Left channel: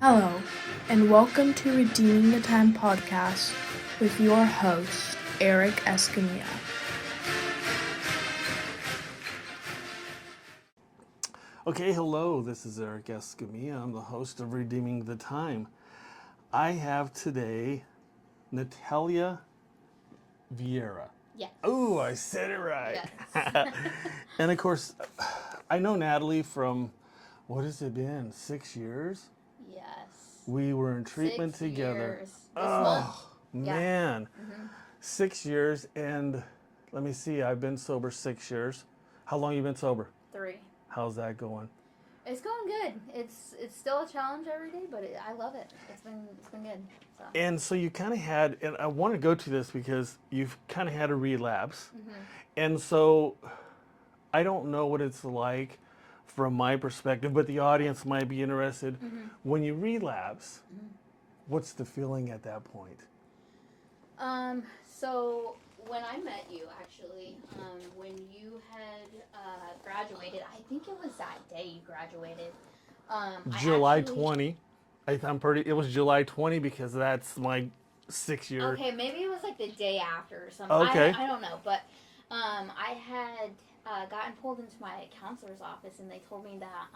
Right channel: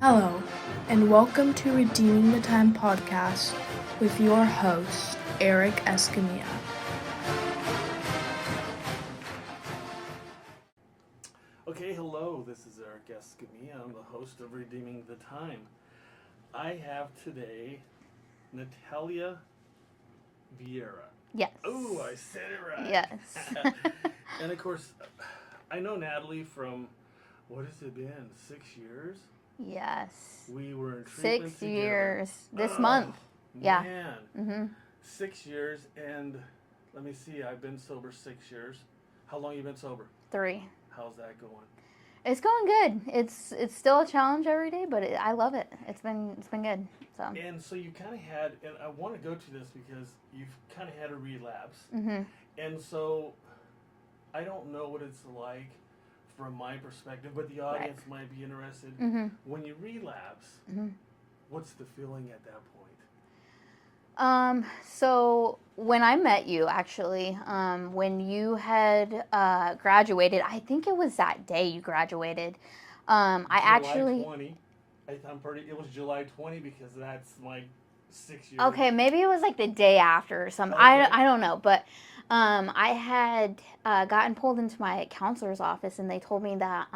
Hello, and welcome to Redeeming the Time podcast with your host, Eric Escamilla. Okay, hello, this is Eric Escamilla. I'm the host of Redeeming the Time. I have today Natalia Vieyra. Yes. Oh, I said it right. Yes. And of course, I know Natalie from, what has it been, 6 years? Yes. We were in treatment 6 together. years this Oh, month. Yeah. Man. 6 years, and let me see, I've been sober 6 years. How long you been sober? 3. How's that going? It's going good. It's still a challenge every day, but I love it. It's been good. So. And so you kind of had, and I want to go to this because you've kind of had a relapse. And so I don't know what it's like from my perspective, but the audience might be interested. When you relapse, what's the feeling at that point? So when I met you, actually, when you had graduated, I think it was that day you graduated. July 20. It was July 20 because that's my 6 year. Okay, maybe it was like the day after or something. Okay. I don't know, but I had gotten pulled into my counselor's office, and they told me that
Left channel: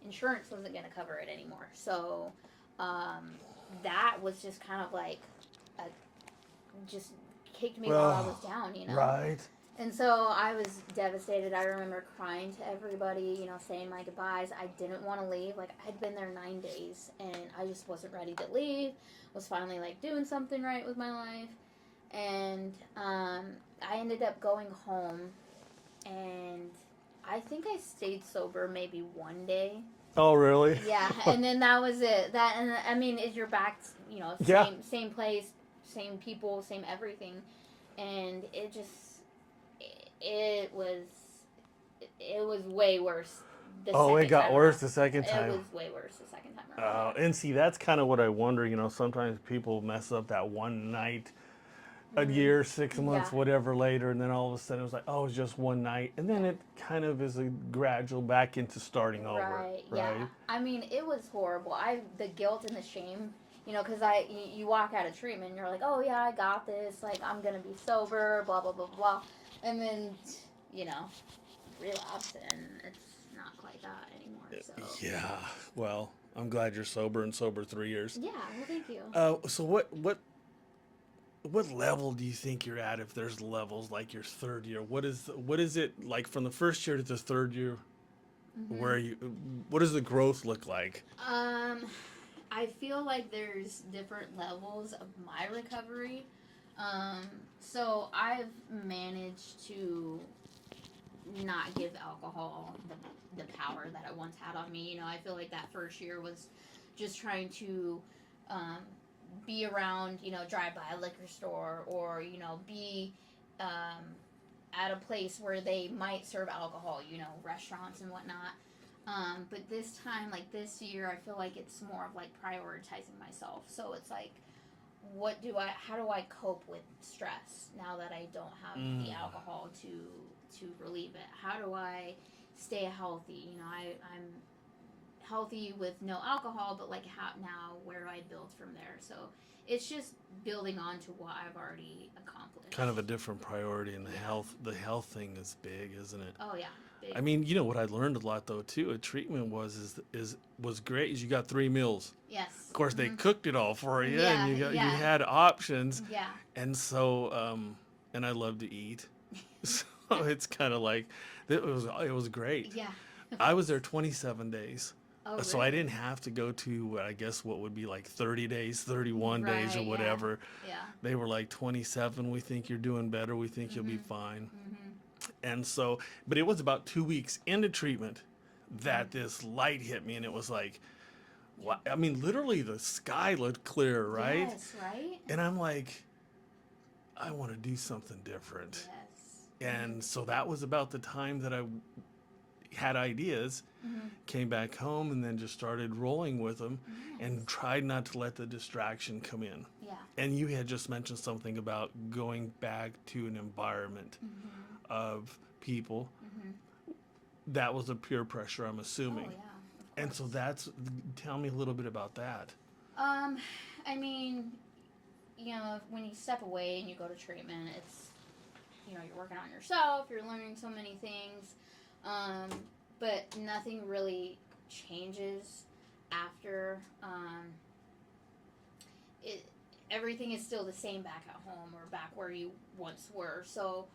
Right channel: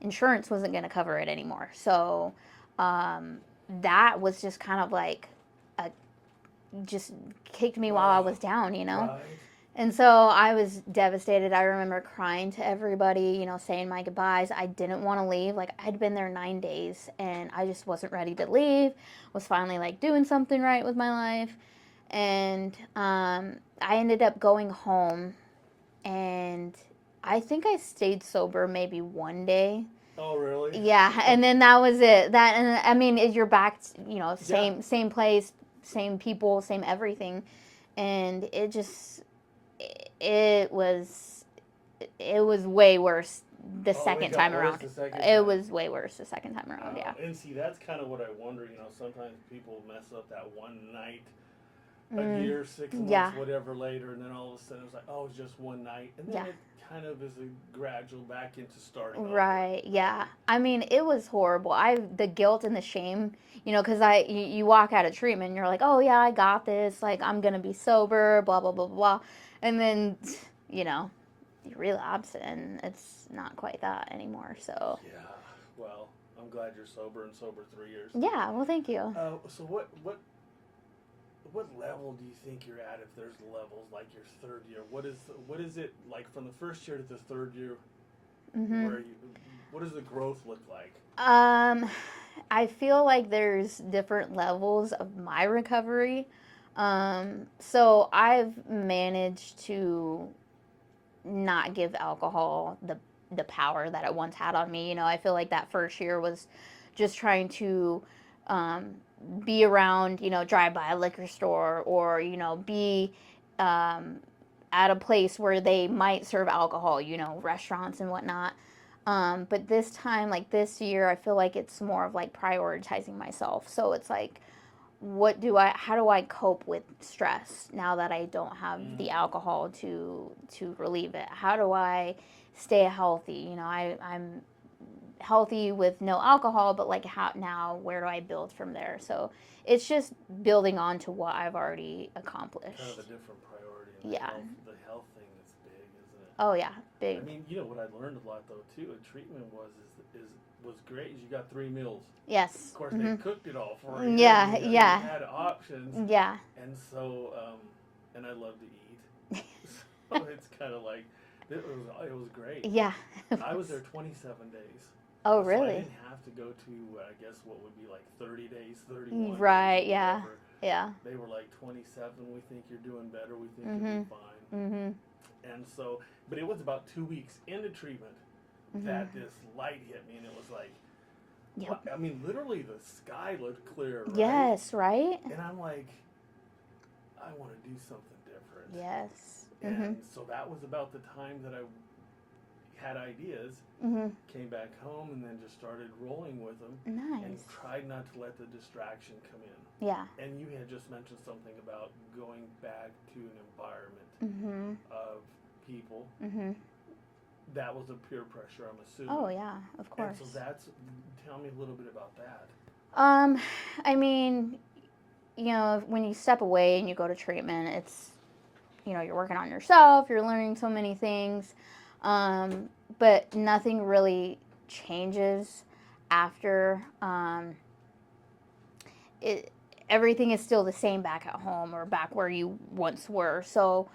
insurance wasn't going to cover it anymore. So that was just kind of like just kicked me while I was down, Right. And so I was devastated. I remember crying to everybody, saying my goodbyes. I didn't want to leave. Like, I'd been there 9 days, and I just wasn't ready to leave. Was finally, like, doing something right with my life. And I ended up going home, and I think I stayed sober maybe one day. Oh, really? Yeah, and then that was it. And I mean, you're back, same place, same people, same everything. And it was way worse the second time around. It got worse the second time. It was way worse the second time around. Yeah. And see, that's kind of what I wonder. Sometimes people mess up that one night, a year, 6 months, whatever later, and then all of a sudden it was like, oh, it's just one night. And then it kind of is a gradual back into starting over. Right, yeah. I mean, it was horrible. The guilt and the shame, because you walk out of treatment and you're like, oh, yeah, I got this. Like, I'm going to be sober, blah, blah, blah, blah. And then, you relapse, and it's not quite that anymore. So Yeah, well, I'm glad you're sober and sober 3 years. Yeah, well, thank you. So what level do you think you're at? If there's levels, like your third year, what is it like from the first year to the third year? What does the growth look like? I feel like there's different levels of my recovery. So I've managed to not give alcohol the power that it once had on me. I feel like that first year was just trying to be around, drive by a liquor store, or, be at a place where they might serve alcohol, restaurants and whatnot. But this time, like this year, I feel like it's more of like prioritizing myself. So it's like, how do I cope with stress now that I don't have the alcohol to relieve it? How do I stay healthy? I'm healthy with no alcohol, but like where do I build from there? So it's just building on to what I've already accomplished. Kind of a different priority, and the health thing is big, isn't it? Oh yeah, big. I mean, what I learned a lot though too at treatment was great is you got 3 meals. Yes. Of course, they cooked it all for you. Yeah, You had options. Yeah. And so, and I love to eat, so it's kind of like it was great. Yeah. I was there 27 days. Oh, really? So I didn't have to go to, I guess, what would be like 30 days, 31 right, days or whatever. Yeah. They were like 27. We think you're doing better. We think you'll be fine. And so, but it was about 2 weeks into treatment that this light hit me, and it was like, I mean, literally the sky looked clear, right? Yes, right? And I'm like, I want to do something different. Yes. And so that was about the time that I had ideas, came back home, and then just started rolling with them. Nice. And tried not to let the distraction come in. Yeah. And you had just mentioned something about going back to an environment of people. that was a peer pressure, I'm assuming. Oh yeah, of course. And so tell me a little bit about that. I mean, when you step away and you go to treatment, it's, you're working on yourself, you're learning so many things, but nothing really changes after. It Everything is still the same back at home or back where you once were. So,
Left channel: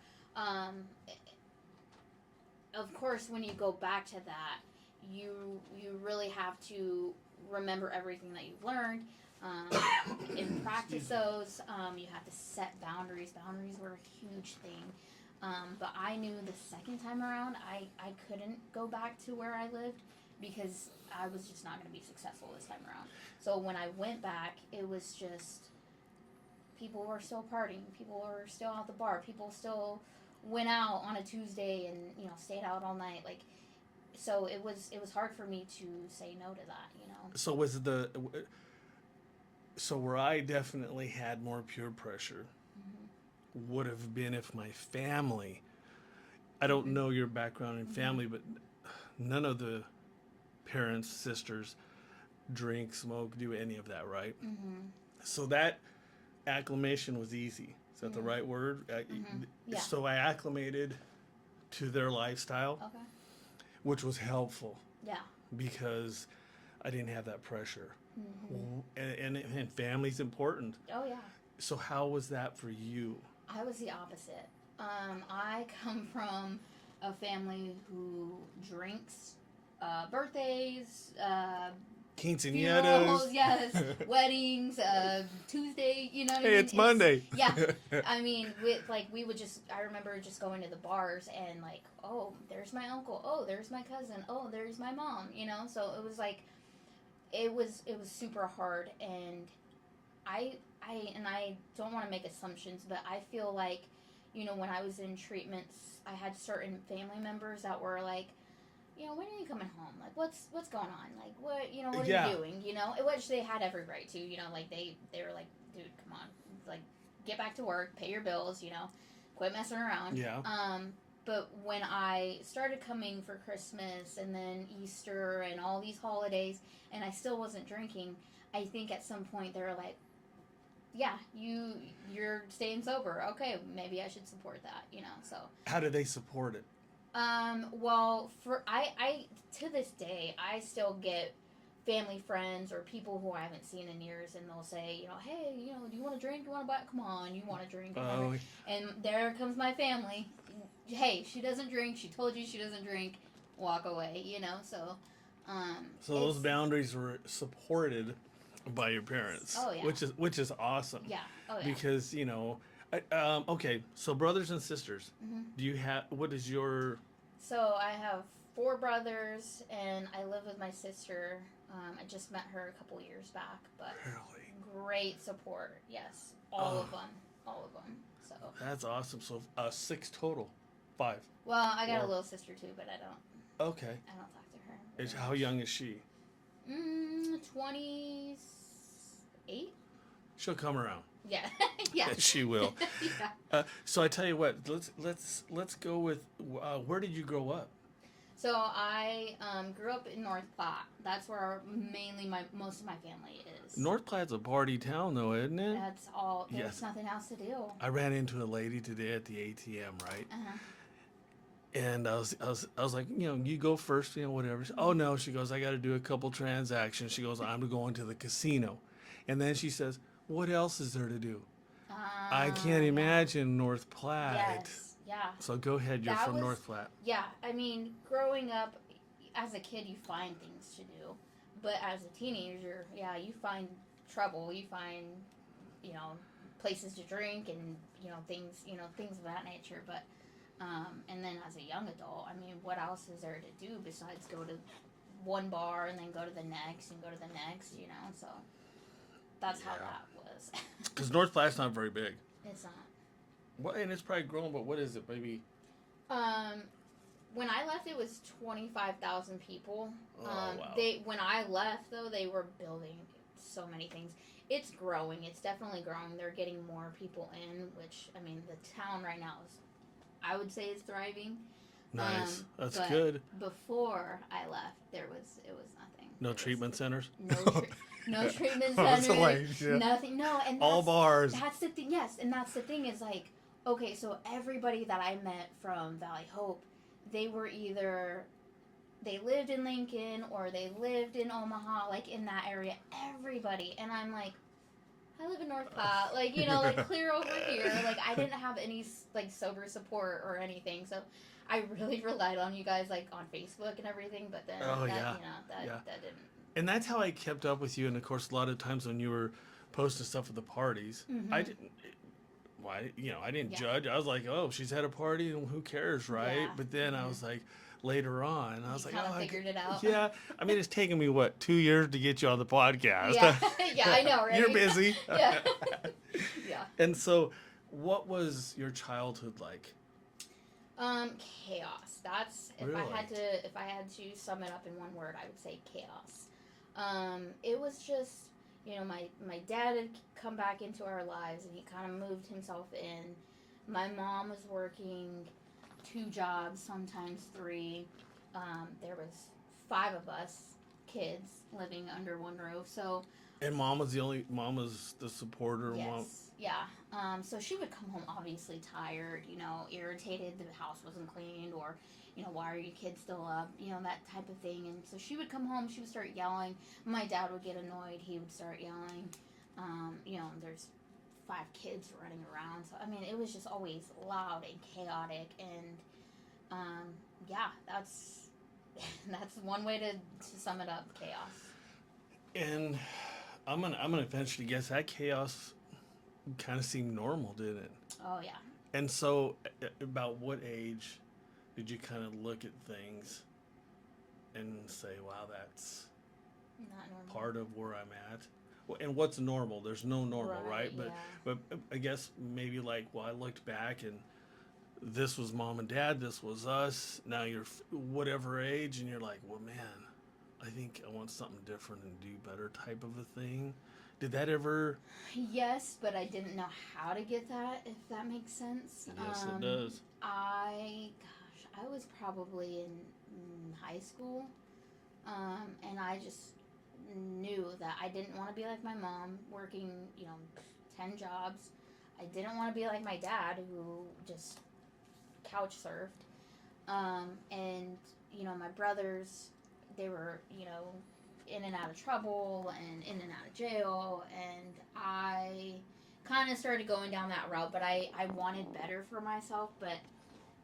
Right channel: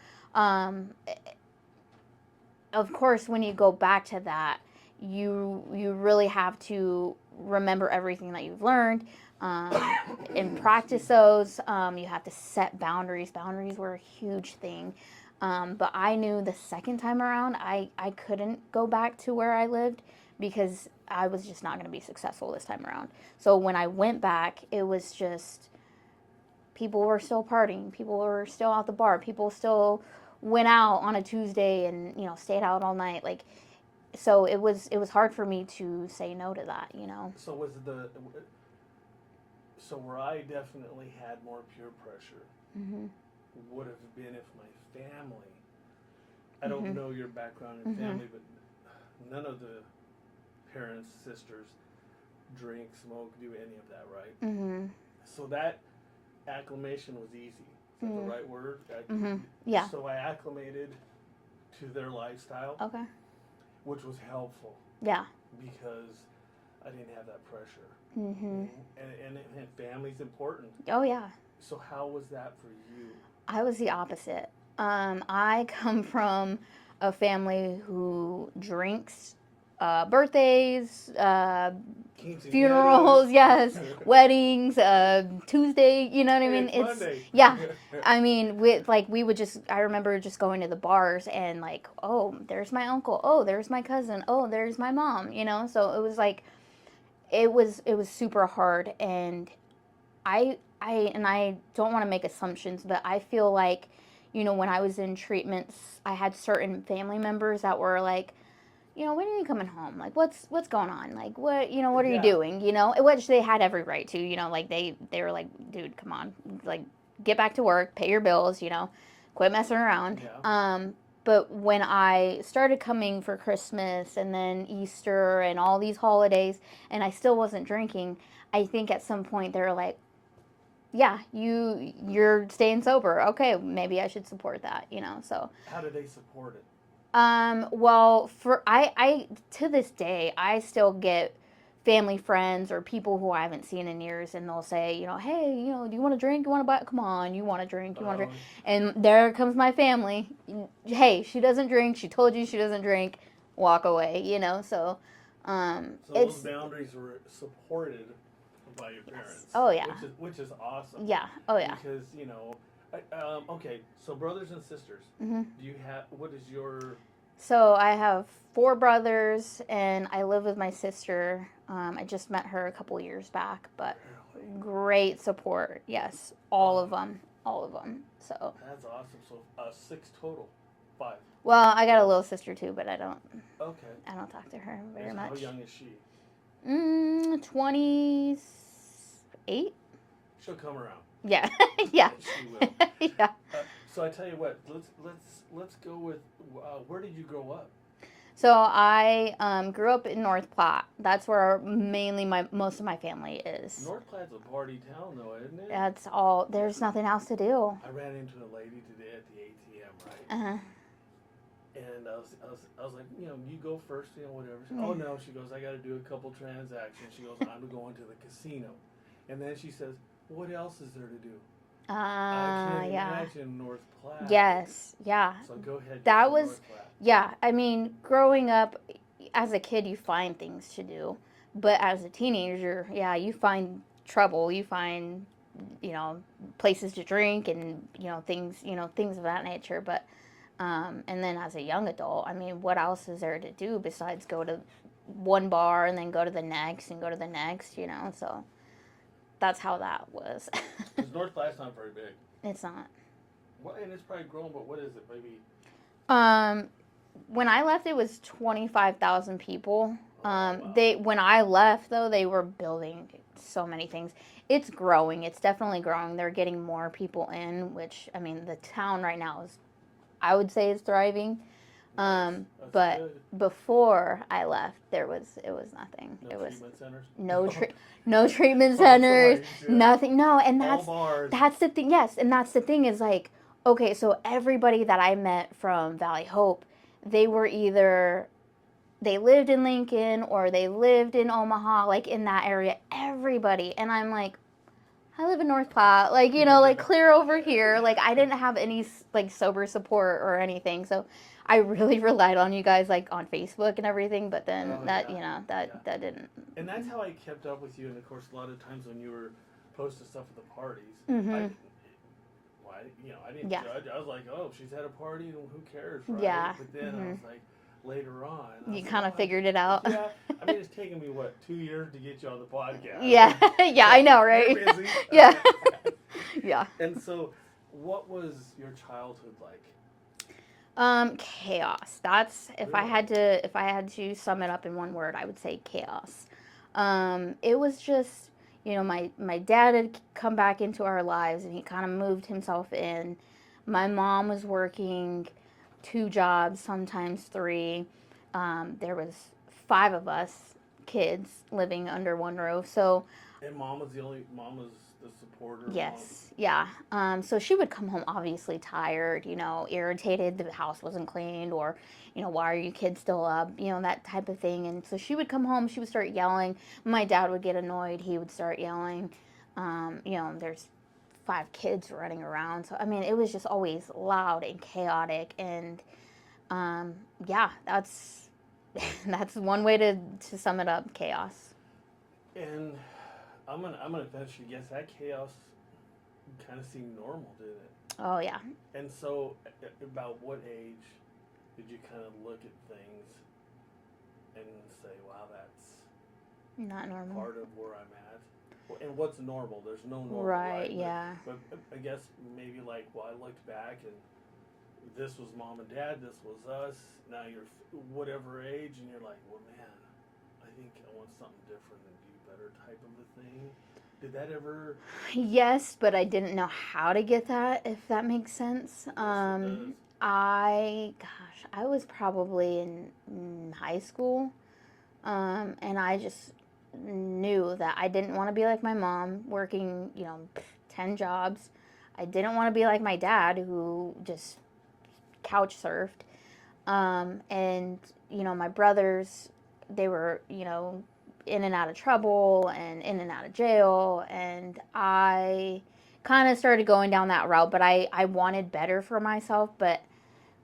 of course, when you go back to that, you really have to remember everything that you've learned, and practice those. You have to set boundaries. Boundaries were a huge thing. But I knew the second time around, I couldn't go back to where I lived because I was just not going to be successful this time around. So when I went back, it was just, people were still partying. People were still at the bar. People still went out on a Tuesday and, stayed out all night. Like, so it was hard for me to say no to that, So so where I definitely had more peer pressure would have been if my family, I don't know your background in family, but none of the parents, sisters drink, smoke, do any of that, right? So that acclimation was easy. Is that the right word? Yeah. So I acclimated to their lifestyle, Okay. which was helpful. Yeah. Because I didn't have that pressure. And family's important. Oh, yeah. So how was that for you? I was the opposite. I come from a family who drinks, birthdays, funerals, yes, weddings, Tuesday, you know what I mean? It's Monday. Yeah. I mean, we would I remember just going to the bars and like, oh, there's my uncle. Oh, there's my cousin. Oh, there's my mom, So it was like, it was super hard. And I don't want to make assumptions, but I feel like, when I was in treatments, I had certain family members that were like, when are you coming home? Like, what's going on? Like, what are you doing? Which they had every right to, like they were like, dude, come on, like, get back to work, pay your bills, quit messing around. Yeah. But when I started coming for Christmas and then Easter and all these holidays, and I still wasn't drinking, I think at some point they were like, yeah, you're staying sober. Okay, maybe I should support that, So How do they support it? Well, I to this day, I still get family friends or people who I haven't seen in years, and they'll say, hey, do you want to drink? You want to buy? Come on, you want to drink? You want to drink? And there comes my family. Hey, she doesn't drink. She told you she doesn't drink. Walk away. So. So those boundaries were supported by your parents. Oh yeah. Which is awesome. Yeah. Oh yeah. Because okay, so brothers and sisters. Do you have? What is your? So I have 4 brothers, and I live with my sister. I just met her a couple years back, but Really? Great support. Yes, all of them. So That's awesome. So 6 total, 5. Well, I got a little sister too, but I don't Okay. talk to her very much. How young is she? 28. She'll come around. Yeah. Yeah. She will. Yeah. So I tell you what. Let's go with. Where did you grow up? So I grew up in North Platte. That's where mainly most of my family is. North Platte's a party town, though, isn't it? That's all. There's nothing else to do. I ran into a lady today at the ATM, right? Uh-huh. And I was like, you go first, whatever. Oh no, she goes, I got to do a couple transactions. She goes, I'm going to the casino, and then she says, what else is there to do? I can't imagine North Platte. Yes, yeah. So go ahead. You're from North Platte. Yeah, I mean, growing up, as a kid, you find things to do, but as a teenager, yeah, you find trouble. You find, places to drink and things of that nature. But and then as a young adult, I mean, what else is there to do besides go to one bar and then go to the next and go to the next? So. That's how that was. Because North Platte's not very big. It's not. Well, and it's probably grown, but what is it, maybe? When I left, it was 25,000 people. Wow. When I left, though, they were building so many things. It's growing. It's definitely growing. They're getting more people in, which, I mean, the town right now I would say is thriving. Nice. That's but good. before I left, it was nothing. No It was treatment centers? no treatment I was centers, like, yeah. nothing. No, and All bars. that's the thing. Yes, and that's the thing is like, okay, so everybody that I met from Valley Hope, they were either they lived in Lincoln or they lived in Omaha, like in that area. Everybody, and I'm like, I live in North Platte, like, you know, like clear over here. Like I didn't have any like sober support or anything, so I really relied on you guys like on Facebook and everything. But then that didn't. And that's how I kept up with you. And of course, a lot of times when you were posting stuff at the parties, Mm-hmm. I didn't. Why, I didn't judge. I was like, oh, she's had a party, and who cares, right? Yeah. But then I was like, later on, I was You like, kind of figured it out. Yeah, I mean, it's taken me 2 years to get you on the podcast. Yeah, yeah, I know, right? You're busy. Yeah, yeah. And so, what was your childhood like? Chaos. That's if I had to sum it up in one word, I would say chaos. It was just, my dad had come back into our lives and he kind of moved himself in. My mom was working 2 jobs, sometimes 3. There was 5 of us kids living under one roof. So. And mom was the supporter. Yes. Yeah. So she would come home obviously tired, irritated the house wasn't cleaned, or, why are you kids still up? That type of thing. And so she would come home, she would start yelling. My dad would get annoyed, he would start yelling. There's 5 kids running around. So, I mean, it was just always loud and chaotic. And, that's that's one way to sum it up, chaos. And I'm gonna eventually guess that chaos kind of seemed normal, didn't it? Oh yeah. And so, about what age did you kind of look at things and say, "Wow, that's not normal. Part of where I'm at"? And what's normal? There's no normal, right? Yeah. But I guess maybe like, I looked back and this was mom and dad, this was us. Now you're whatever age, and you're like, well, man, I think I want something different and do better type of a thing. Did that ever? Yes, but I didn't know how to get that, if that makes sense. Yes, it does. I was probably in high school, and I just knew that I didn't want to be like my mom, working, 10 jobs. I didn't want to be like my dad, who just couch surfed. And, my brothers, they were, in and out of trouble and in and out of jail, and I kind of started going down that route, but I wanted better for myself. But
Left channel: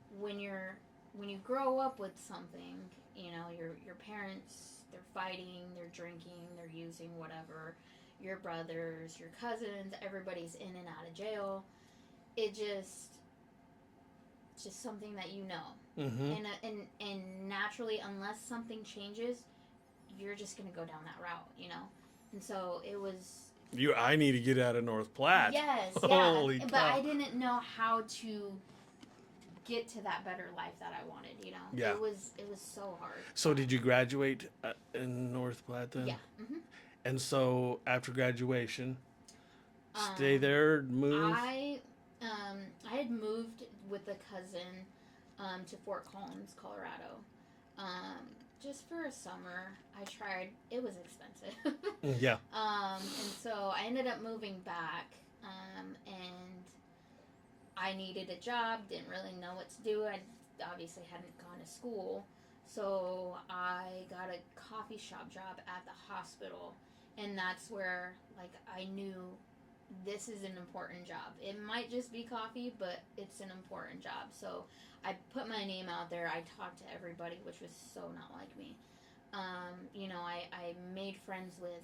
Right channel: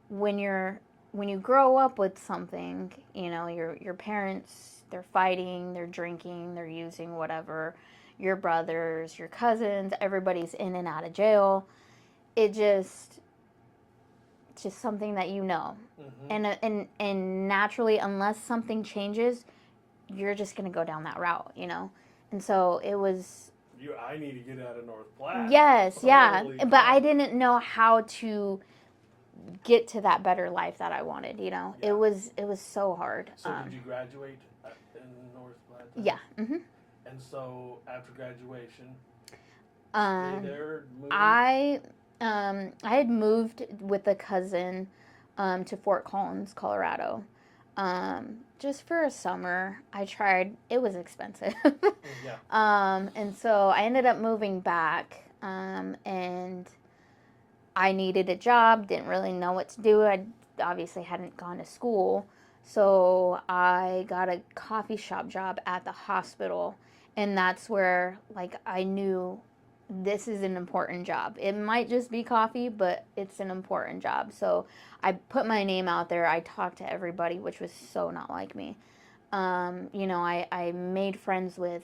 when you grow up with something, your parents, they're fighting, they're drinking, they're using whatever, your brothers, your cousins, everybody's in and out of jail. It's just something that Mm-hmm. and naturally, unless something changes, you're just going to go down that route, And so it was... I need to get out of North Platte. Yes, yeah. Holy but cow. I didn't know how to get to that better life that I wanted, Yeah. It was so hard. So did you graduate in North Platte then? Yeah. Mm-hmm. And so after graduation, stay there, move? I had moved with a cousin to Fort Collins, Colorado. Just for a summer. I tried. It was expensive. Yeah. And so I ended up moving back, and I needed a job, didn't really know what to do. I obviously hadn't gone to school, so I got a coffee shop job at the hospital, and that's where, I knew this is an important job. It might just be coffee, but it's an important job. So I put my name out there. I talked to everybody, which was so not like me. I made friends with,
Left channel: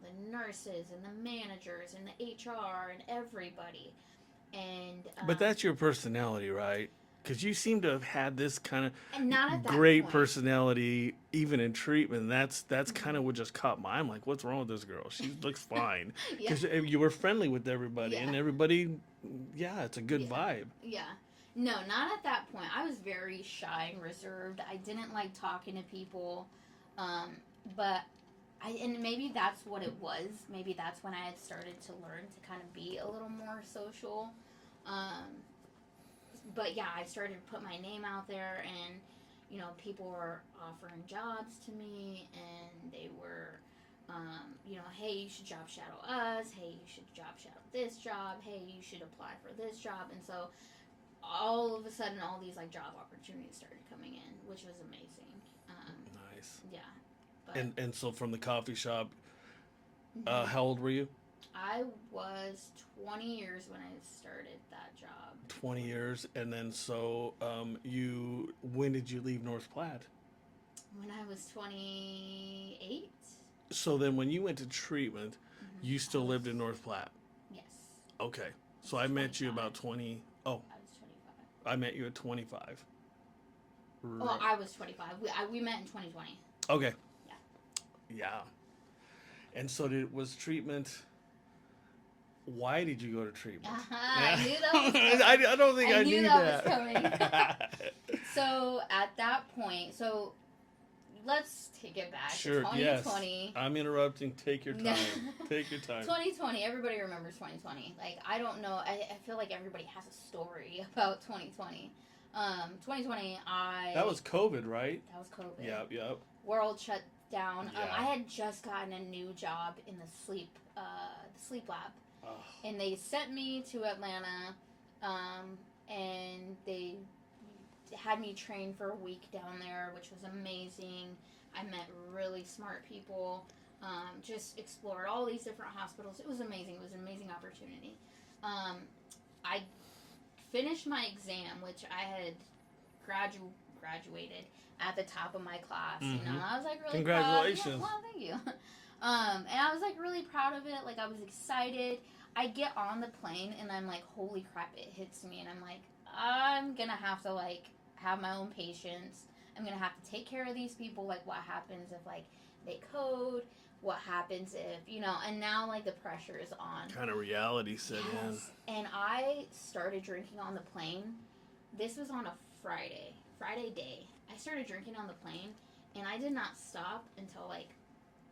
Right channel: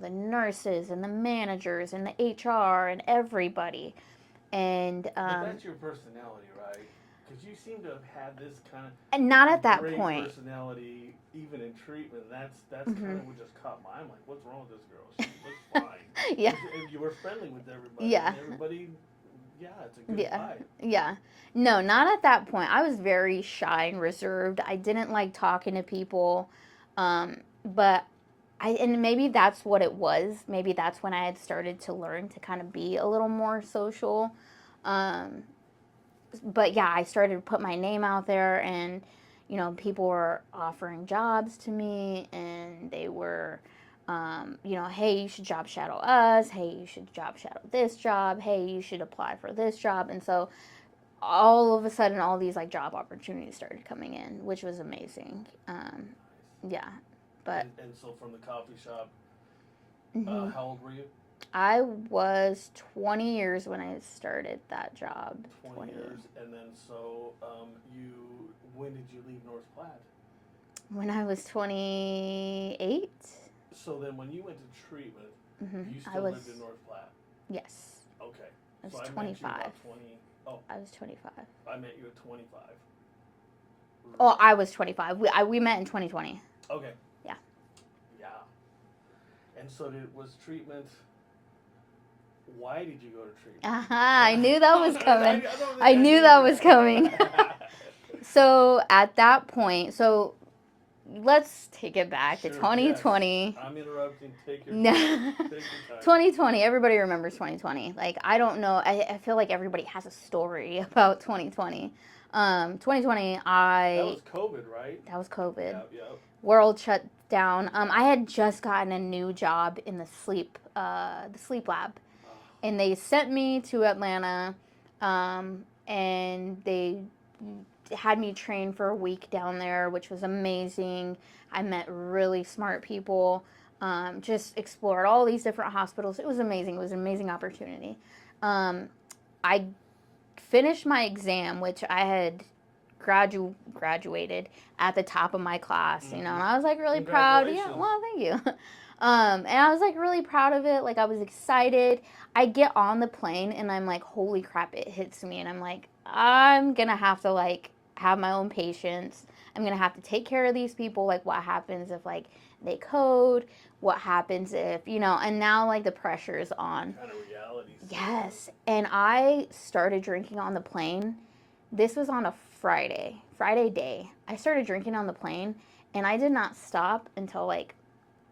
the nurses and the managers and the HR and everybody. And but that's your personality, right? Because you seem to have had this kind of and not at that great point. personality, even in treatment. That's kind of what just caught my eye. I'm like, what's wrong with this girl? She looks fine. Yeah. 'Cause you were friendly with everybody, Yeah. and everybody, it's a good vibe. Yeah. No, not at that point. I was very shy and reserved. I didn't like talking to people, but and maybe that's what it was. Maybe that's when I had started to learn to kind of be a little more social. but yeah, I started to put my name out there, and people were offering jobs to me, and they were, hey, you should job shadow us. Hey, you should job shadow this job. Hey, you should apply for this job. And so all of a sudden, all these like job opportunities started coming in, which was amazing. Nice. Yeah, but And so from the coffee shop, mhm. how old were you? I was 20 years when I started that job. 20 years, and then so when did you leave North Platte? When I was 28. So then when you went to treatment, you still lived in North Platte? Yes. Okay. I So was I met you 25. about 20. Oh, I was 25. I met you at 25. Oh, Right. I was 25. We met in 2020. Okay. Yeah. Yeah. And so was treatment. Why did you go to treatment? I knew that was coming. I don't think I knew that was coming. So at that point, let's take it back to 2020. Yes. I'm interrupting. Take your time. Take your time. 2020. Everybody remembers 2020. Like, I don't know. I feel like everybody has a story about 2020. 2020. That was COVID, right? That was COVID. Yep. World shut down. Yeah. I had just gotten a new job in the sleep lab, and they sent me to Atlanta, and they had me train for a week down there, which was amazing. I met really smart people. Just explored all these different hospitals. It was amazing. It was an amazing opportunity. I finished my exam, which I had graduated at the top of my class, and I was like really proud. Yeah, well, thank you. And I was like really proud of it. Like, I was excited. I get on the plane and I'm like, holy crap, it hits me, and I'm like, I'm gonna have to like have my own patience. I'm gonna have to take care of these people. Like, what happens if like they code? What happens if and now like the pressure is on. Kind of reality set. Yes. And I started drinking on the plane. This was on a Friday day. I started drinking on the plane, and I did not stop until like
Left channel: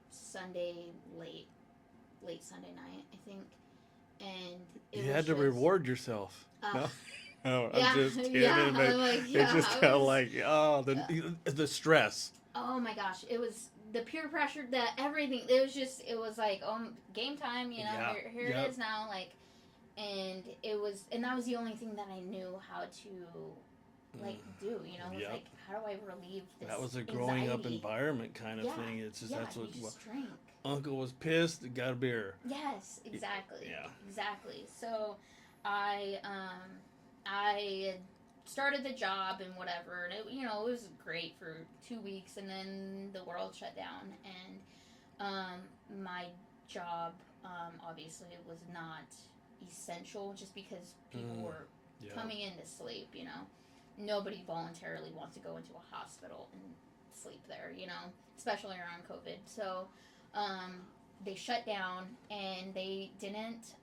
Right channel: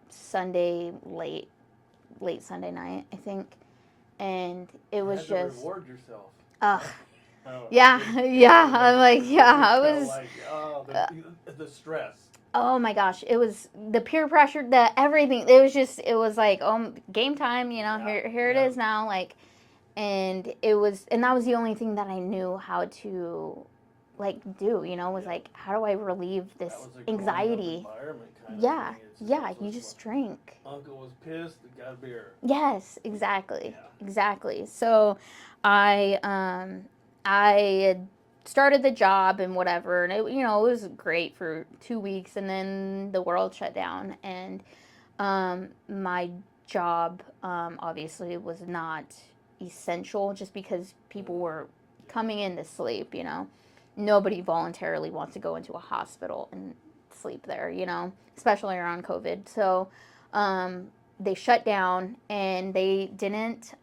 Sunday late Sunday night, I think. And it was had to reward yourself. Yeah. I'm like, I was like, the stress. Oh my gosh, it was the peer pressure, the everything. It was like, game time, here it is now, like, and that was the only thing that I knew how to like do, was like, how do I relieve this that was a anxiety? Up environment kind of thing. It's just, you just drink. Uncle was pissed, got a beer. Yes, exactly. Yeah. Exactly. So I had started the job and whatever, and it was great for 2 weeks, and then the world shut down, and my job obviously was not essential, just because people were coming in to sleep. Nobody voluntarily wants to go into a hospital and sleep there, especially around COVID. So they shut down, and they didn't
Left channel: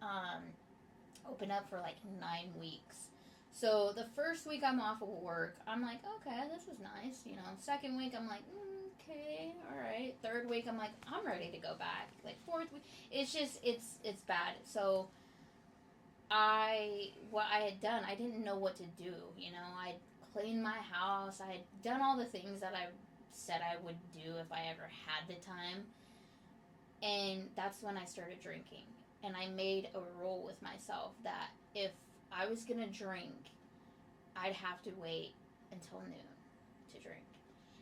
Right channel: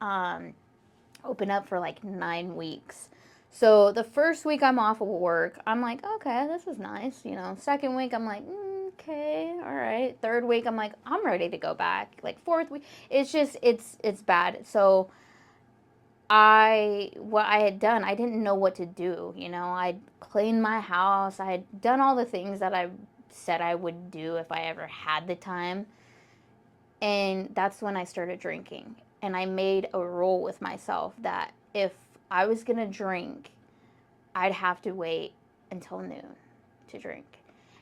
open up for like 9 weeks. So the first week I'm off of work, I'm like, okay, this is nice. Second week I'm like, okay, all right. Third week I'm like, I'm ready to go back. Like, fourth week, it's just, it's bad. So what I had done, I didn't know what to do. I'd cleaned my house. I had done all the things that I said I would do if I ever had the time. And that's when I started drinking. And I made a rule with myself that if I was going to drink, I'd have to wait until noon to drink.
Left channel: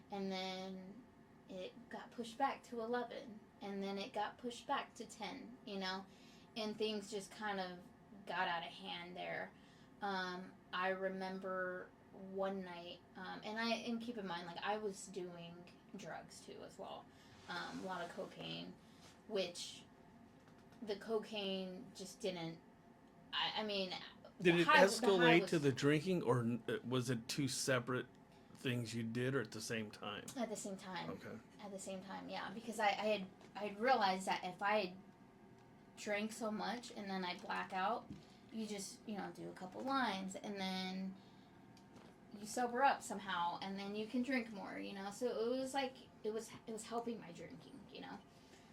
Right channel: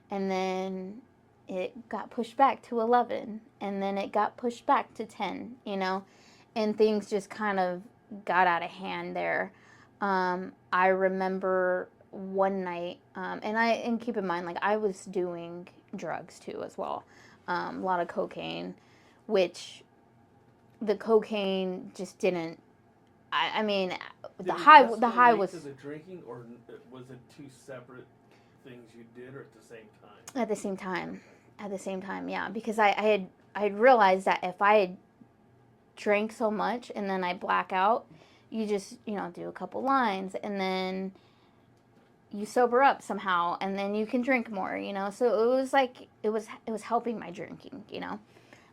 And then it got pushed back to 11. And then it got pushed back to 10, and things just kind of got out of hand there. I remember one night, and keep in mind, like, I was doing drugs too as well. A lot of cocaine, which the cocaine just didn't. I mean, the high was to the drinking, or was it two separate things you did, or at the same time? At the same time. Okay. At the same time, yeah, because I had realized that if I had drank so much and then I black out, you just do a couple lines, and then you sober up somehow, and then you can drink more, So it was like it was helping my drinking,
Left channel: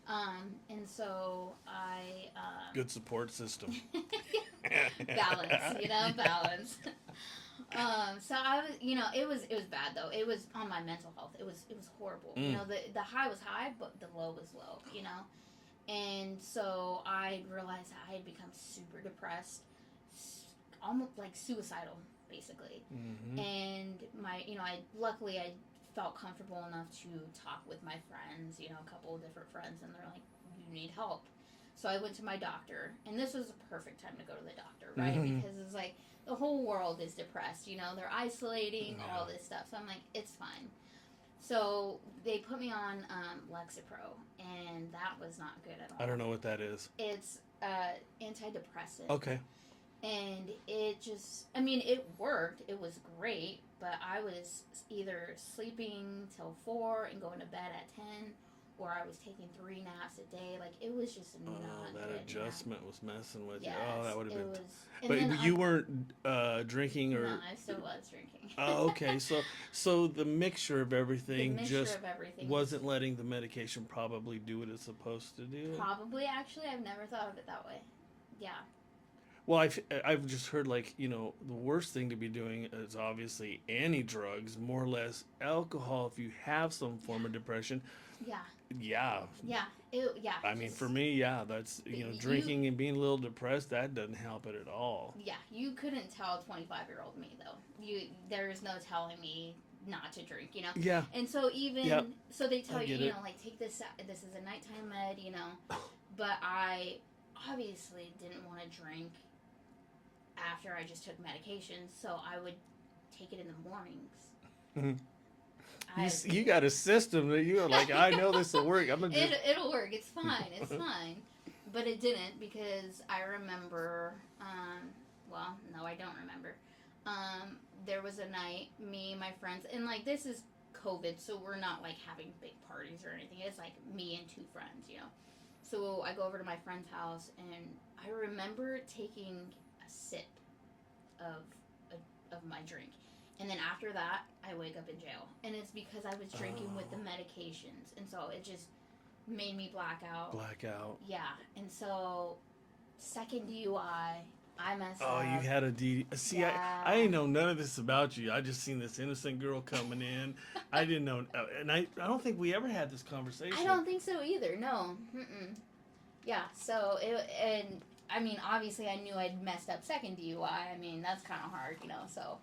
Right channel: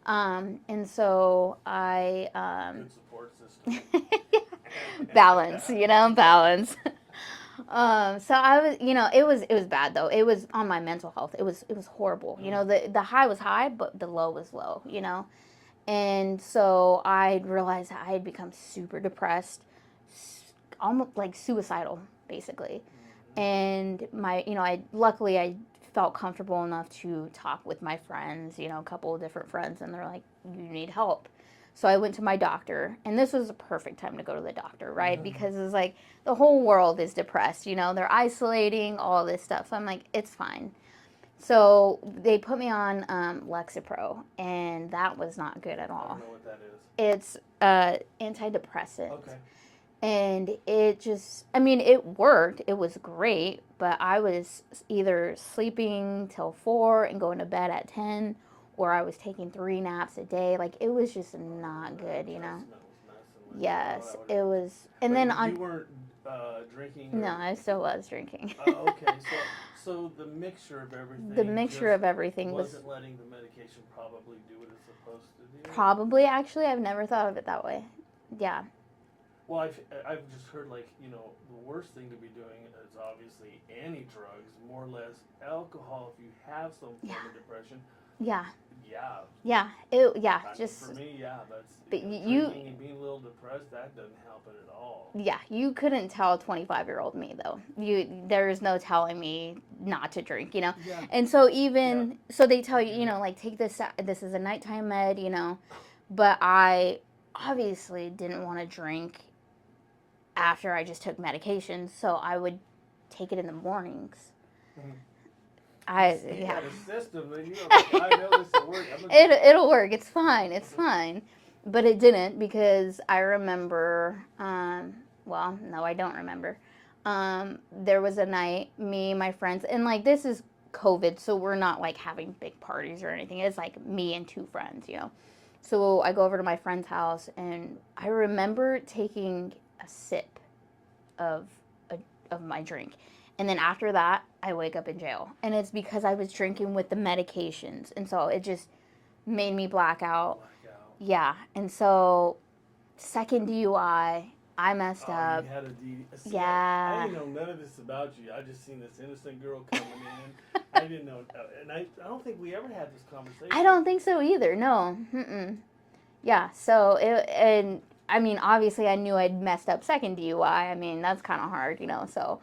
and so I good support system. balance, balance. So I was, it was bad though. It was on my mental health. It was horrible. The high was high, but the low was low. And so I realized that I had become super depressed, almost like suicidal, basically. And I felt comfortable enough to talk with my friends, a couple of different friends, and they're like, "You need help." So I went to my doctor, and this was a perfect time to go to the doctor, right? Because it's like the whole world is depressed, they're isolating, all this stuff. So I'm like, it's fine. So they put me on Lexapro, and that was not good at all. I don't know what that is. It's antidepressant. Okay. And it worked. It was great, but I was either sleeping till 4 and going to bed at 10, or I was taking 3 naps a day. Like, it was just not good, Adjustment was messing with Yes, you. it was. And then you weren't drinking? Or... No, I still was drinking. Oh, okay. So the mixture of everything wasn't letting the medication probably do what it's supposed to do? Probably, actually. I've never thought of it that way. Yeah. Well, I've just heard, like, the worst thing to be doing is obviously any drugs, more or less alcohol if you have some form of depression. Yeah. Yeah. Yeah. I mean, for me, that's drinking and being a little depressed, that doesn't help it at all. Yeah, you couldn't tell 25-year-old me, though. There's no telling me not to drink, Yeah. And so so they tell you, like, take this is a nighttime med, but I obviously didn't want to drink after I just took medication, so I would take it in the mornings. You got a system that you're like, I know this will work. It'll work. It's fine. It's fine. But it didn't, because I remember, well, no, I don't remember. There was a night, me, my friends, and like, this is COVID, so we're not like having big parties or anything. It's like me and 2 friends, So I go over to my friend's house, and I remember taking a sip of my drink. And then after that, I wake up in jail. And it's because I was drinking with the medications. And so it just made me black out. Yeah. And so, second DUI, I messed up. Oh, you had a DD. See, yeah. I didn't know none of this about you. I just seen this innocent girl coming in. I didn't know. And I don't think we ever had this conversation. I don't think so either. No. Mm-mm. Yeah. So, obviously I knew I'd messed up second DUI. I mean, that's kind of hard, So,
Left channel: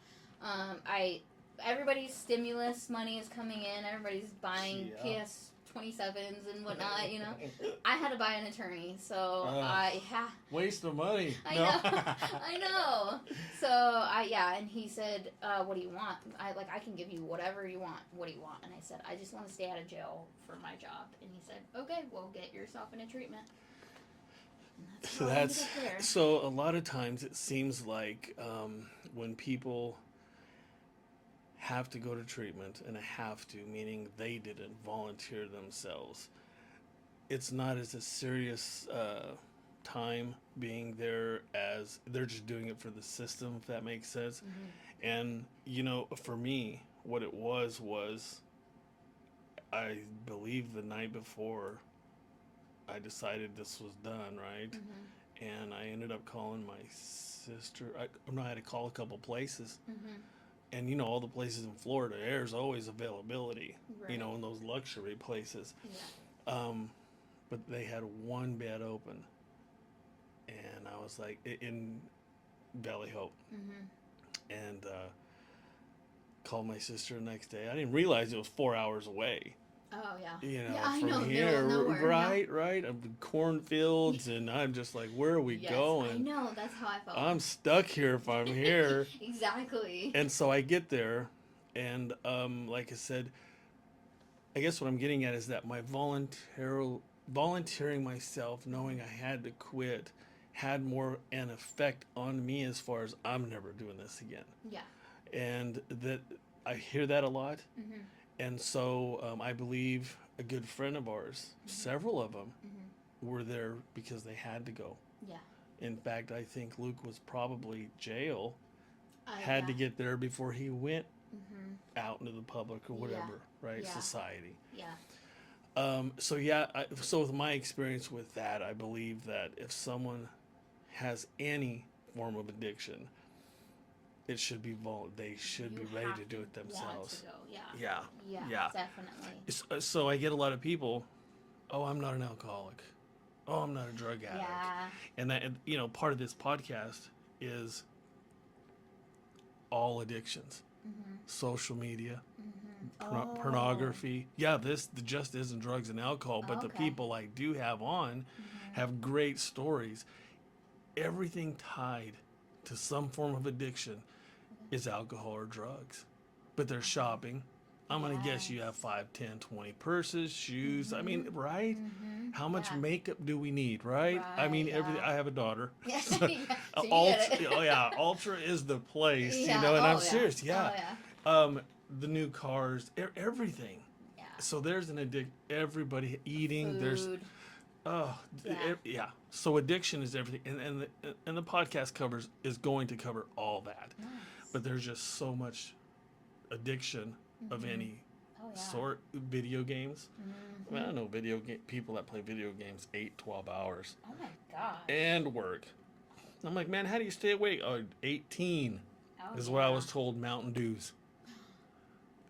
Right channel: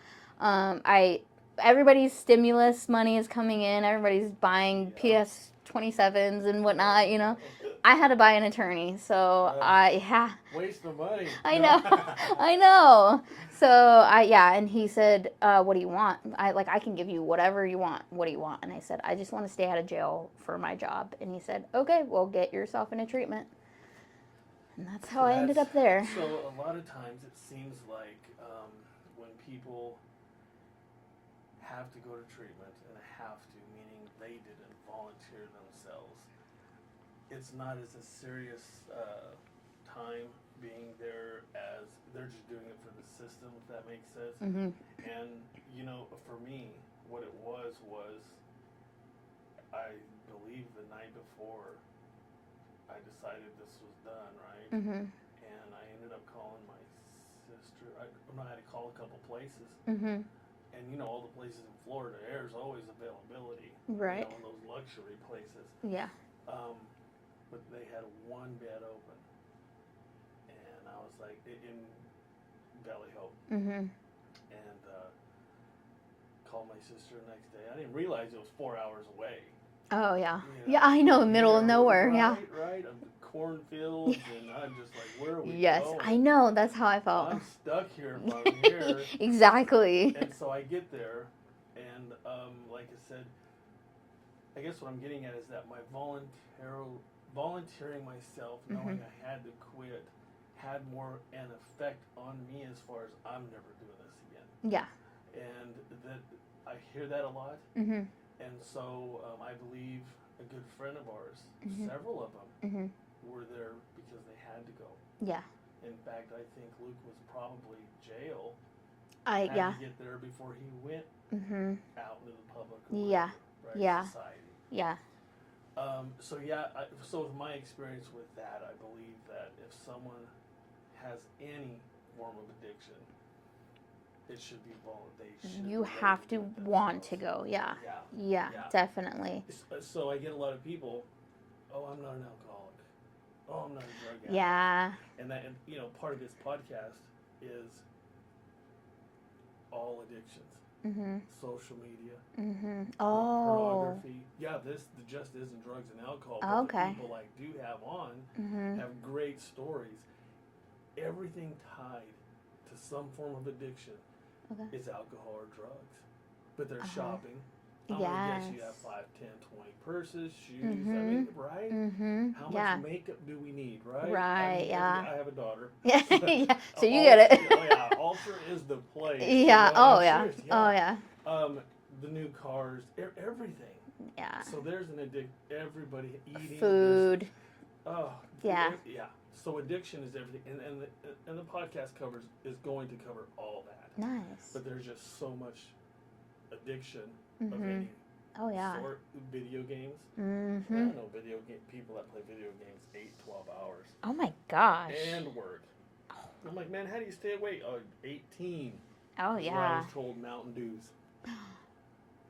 everybody's stimulus money is coming in. Everybody's buying PS27s and whatnot, I had to buy an attorney, so waste of money. I know, I know. So and he said, "What do you want?" I can give you whatever you want. What do you want? And I said, "I just want to stay out of jail for my job." And he said, "Okay, well, get yourself into treatment." And that's how I ended up there. So a lot of times it seems like when people have to go to treatment, and have to, meaning they didn't volunteer themselves, it's not as a serious time being there as they're just doing it for the system, if that makes sense. Mm-hmm. And, for me, what it was I believe the night before I decided this was done, right? Mm-hmm. And I ended up calling my sister. I had to call a couple places. Mm-hmm. And all the places in Florida, there's always availability, right? In those luxury places. Yeah. But they had one bed open, and I was like, in Valley Hope. Mm-hmm. And called my sister the next day. I didn't realize it was 4 hours away. Oh, yeah. I know, middle of nowhere. Right. Cornfields, and I'm just like, where are we going? Yes, I know. That's how I felt. I'm stuck here if I'm here. Exactly. And so I get there, and like I said, I guess what I'm getting at is that my volunteering myself, knowing I had to quit, had more an effect on me as far as I'm never doing this again. Yeah. And that I hear that a lot. Mm-hmm. And so I believe a good friend of ours, several of them, were there because they had to go. Yeah. In fact, I think Luke was probably jail. Had to get there before he went out into the public or whatever, right? Yeah. Society. Yeah. So with my experience with that, I believe that if someone has any form of addiction, it should be they should You be ready have to do to it themselves. want to go. Yeah. Yeah. Definitely. So I get a lot of people, oh, I'm not an alcoholic. Oh, I'm not a drug addict. Yeah. And that, and, you know, part of this podcast is all addictions. Mm-hmm. Social media, Oh. pornography. Yeah, this just isn't drugs and alcohol, but Okay. the people I do have on have great stories. Everything tied to some form of addiction is alcohol or drugs. But they're shopping. I'm going to guess you have 5, 10, 20 purses, shoes. I mean, right? How much makeup do we need, right? I mean, I have a daughter. Yeah. So, So you get it. Oh, yeah. Ultra is the place. Yeah. You know? And Oh, I'm yeah. serious. Yeah. Oh, yeah. The new cars, everything. Yeah. So there's an everybody eating. Food. Yeah. So addiction is everything, and the podcast is going to cover all that. Nice. But there's just so much addiction of any sort. Video games. I don't know people that play video games 8, 12 hours. Oh my gosh. And work. I'm like, man, how do you stay awake? Oh, 18. Oh, is yeah. what I was told. Mountain Dews.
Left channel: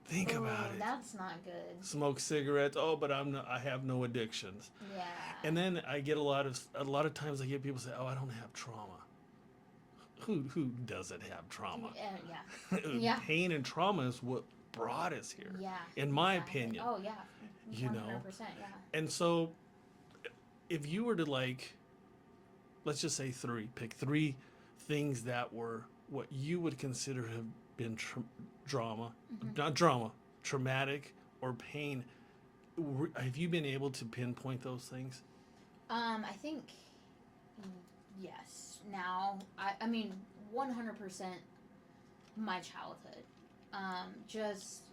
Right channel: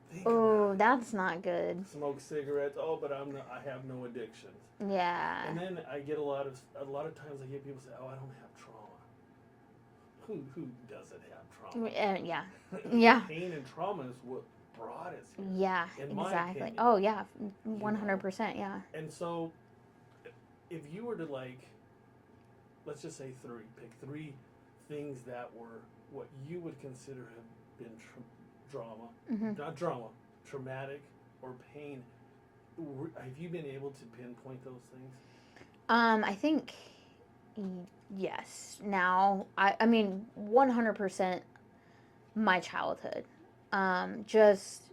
Think Oh, about it. that's not good. Smoke cigarettes. Oh, but I have no addictions. Yeah. And then I get a lot of times I get people say, "Oh, I don't have trauma." Who doesn't have trauma? Yeah. Yeah. Pain and trauma is what brought us here. Yeah. In my opinion. Oh yeah. You 100%. Yeah. And so, if you were to let's just say pick 3 things that were what you would consider have been traumatic or pain. Have you been able to pinpoint those things? I think yes. Now, I mean, 100% my childhood. Just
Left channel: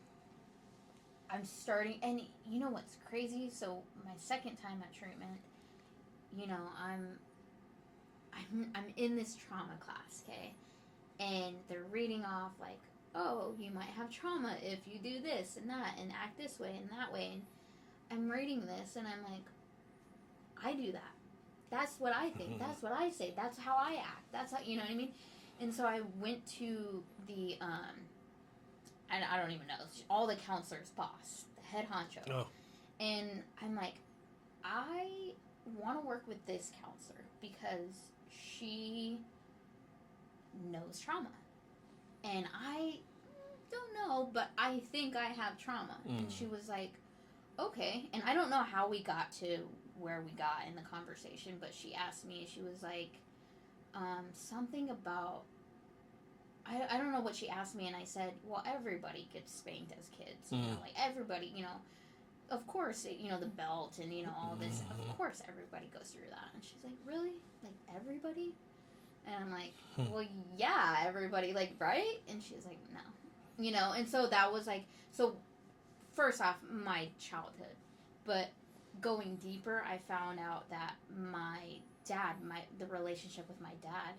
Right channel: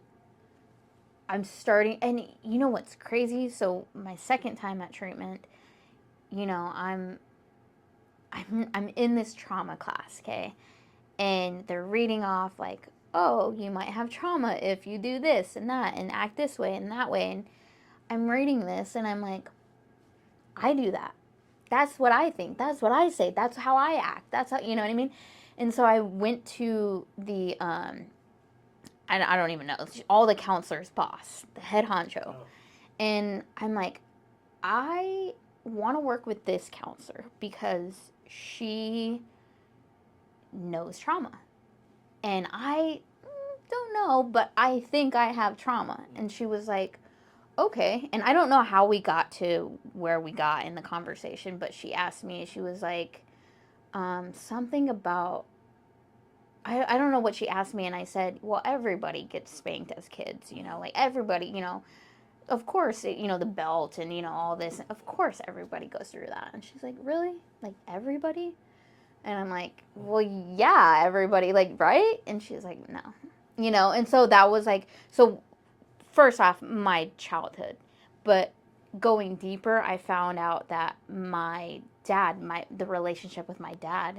I'm starting, and you know what's crazy? So my second time at treatment, you know, I'm in this trauma class, okay, and they're reading off like, oh, you might have trauma if you do this and that and act this way and that way. And I'm reading this and I'm like, I do that. That's what I think. That's what I say. That's how I act. That's how, you know what I mean? And so I went to the, I don't even know, all the counselor's boss, the head honcho. Oh. And I'm like, I want to work with this counselor because she knows trauma. And I don't know, but I think I have trauma. And she was like, okay. And I don't know how we got to where we got in the conversation, but she asked me, she was like, something about, I don't know what she asked me. And I said, well, everybody gets spanked as kids, you know, like everybody, you know, of course, you know, the belt and, you know, all this, of course everybody goes through that. And she's like, really? Like everybody? And I'm like, well, yeah, everybody, like, right? And she's like, no, you know? And so that was like, so first off, my childhood, but going deeper, I found out that my dad, the relationship with my dad,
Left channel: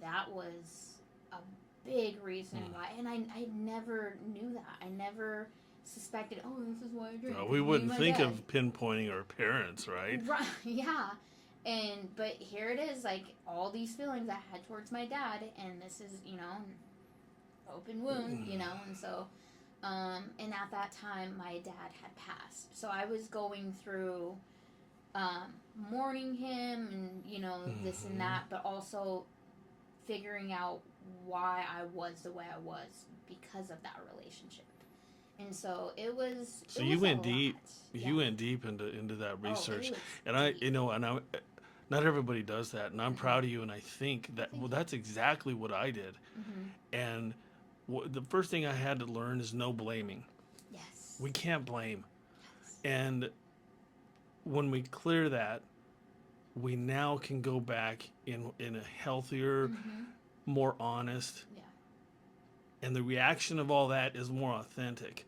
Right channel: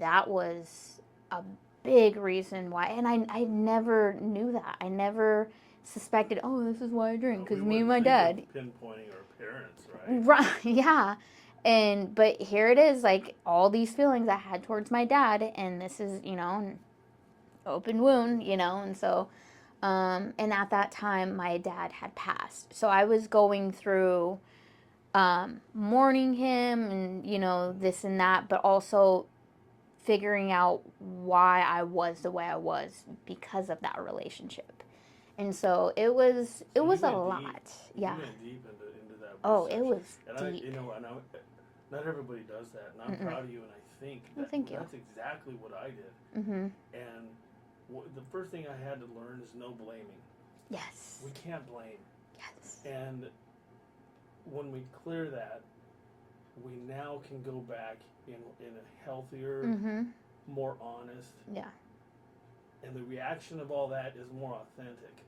that was a big reason why. And I never knew that. I never suspected, oh, this is why I drink. We me and wouldn't my think dad. of pinpointing our parents, right? Right, yeah. But here it is, like, all these feelings I had towards my dad, and this is, you know, an open wound, you know, and so, and at that time, my dad had passed. So I was going through, mourning him, and, you know, this and that, but also figuring out why I was the way I was because of that relationship. And so it was a lot. You went deep into that research. Oh, it was and deep. I, you know, and I, not everybody does that, and I'm proud of you. And I think that that's exactly what I did. And the first thing I had to learn is no blaming. Yes. We can't blame. Yes. And when we clear that, we now can go back in a healthier, more honest. Yeah. And the reaction of all that is more authentic.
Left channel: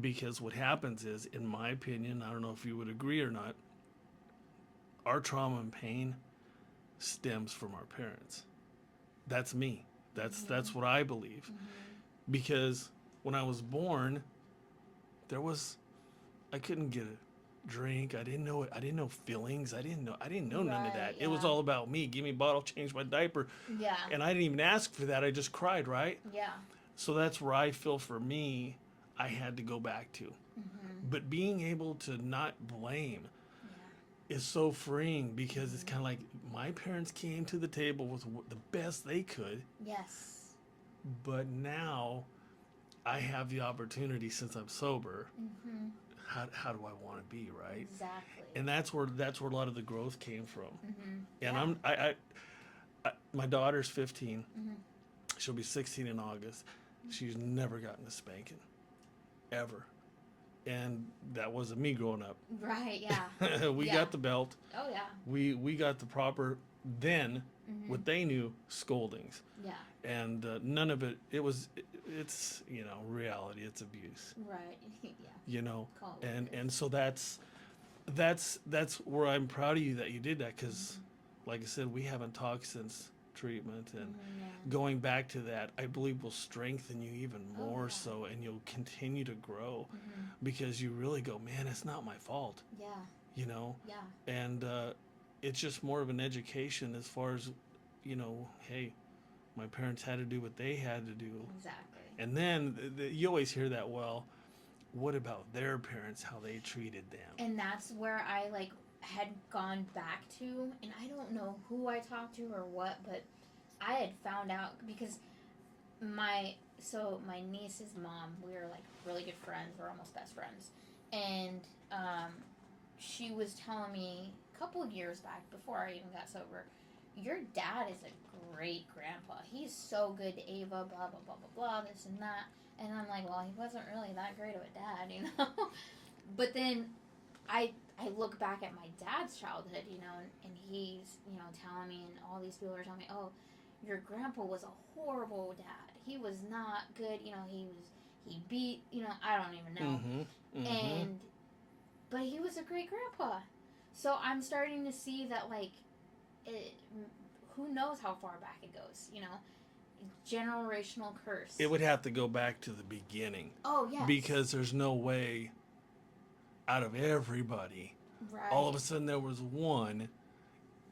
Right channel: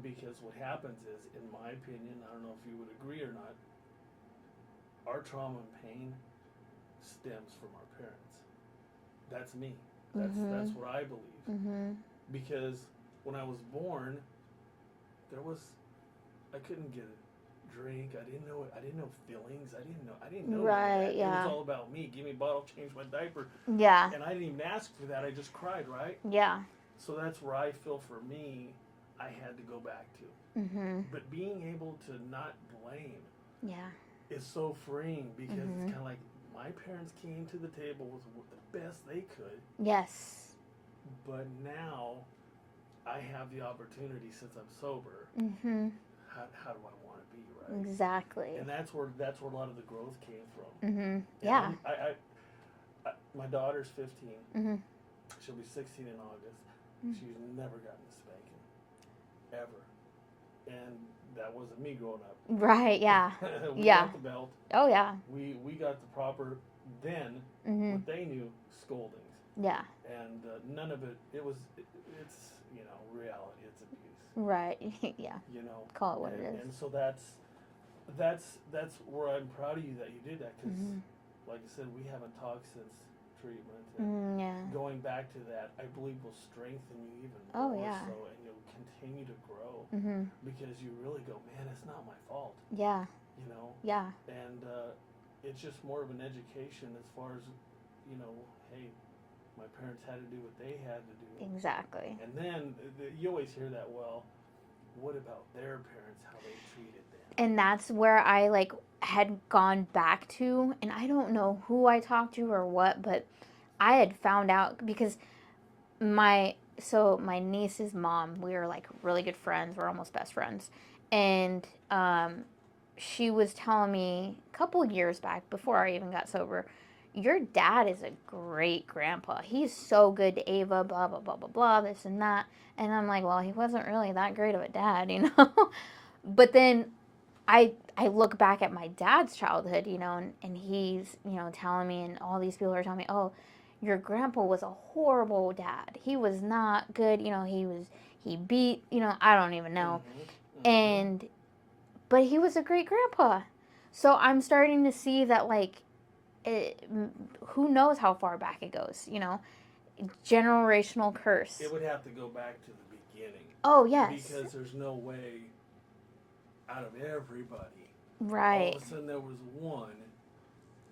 Because what happens is, in my opinion, I don't know if you would agree or not, our trauma and pain stems from our parents. That's me. That's what I believe. Because when I was born, I couldn't get a drink. I didn't know feelings. I didn't know none of Right, that. It was yeah. all about me. Give me a bottle, change my diaper, Yeah. and I didn't even ask for that. I just cried, right? Yeah. So that's where I feel for me, I had to go back to. Mhm. But being able to not blame Yeah. is so freeing because it's Mhm. kind of like my parents came to the table with the best they could, Yes. but now I have the opportunity since I'm sober. Mhm. How do I want to be, right? Exactly. And that's where a lot of the growth came from. Mhm. And Yeah. my daughter's 15. Mhm. She'll be 16 in August. She's never gotten a spanking, ever. And that wasn't me growing up. Right. Yeah. We Yeah. got the belt. Oh yeah. We got the proper then Mhm. what they knew scoldings, Yeah. and none of it. It's reality. It's abuse. Right. Yeah. Call it what it is. And so that's where I'm proud of you that you did that because, like I said, we haven't talked since treatment, and Yeah. going back to that, I believe will strengthen you even Oh, more yeah. so, and you'll continue to grow Mhm. because you really go, man, it's not my fault, Yeah. Yeah, and it's just more of an education as far as, hey, my parents had to do what they had to do, Exactly. and then you always hear that. Well, what about their parents? How they treated them? And that's where I had gone back to, and I don't know who I talked to or what, but I had found out because my niece's mom, we were really good friends, we're almost best friends, and she was telling me a couple years back before I even got sober, your dad is a great grandpa, he's so good to Ava, blah blah blah blah blah, this and that. And I'm like, well, he wasn't really that great of a dad, but then I look back at my dad's childhood, and he's, telling me, and all these people are telling me, oh, your grandpa was a horrible dad. He was not good, he beat, I don't even know. And, but he was a great grandpa. So I'm starting to see that, who knows how far back it goes, generational curse. It would have to go back to the beginning. Oh, yes. Because there's no way out of everybody, right, all of a sudden there was one,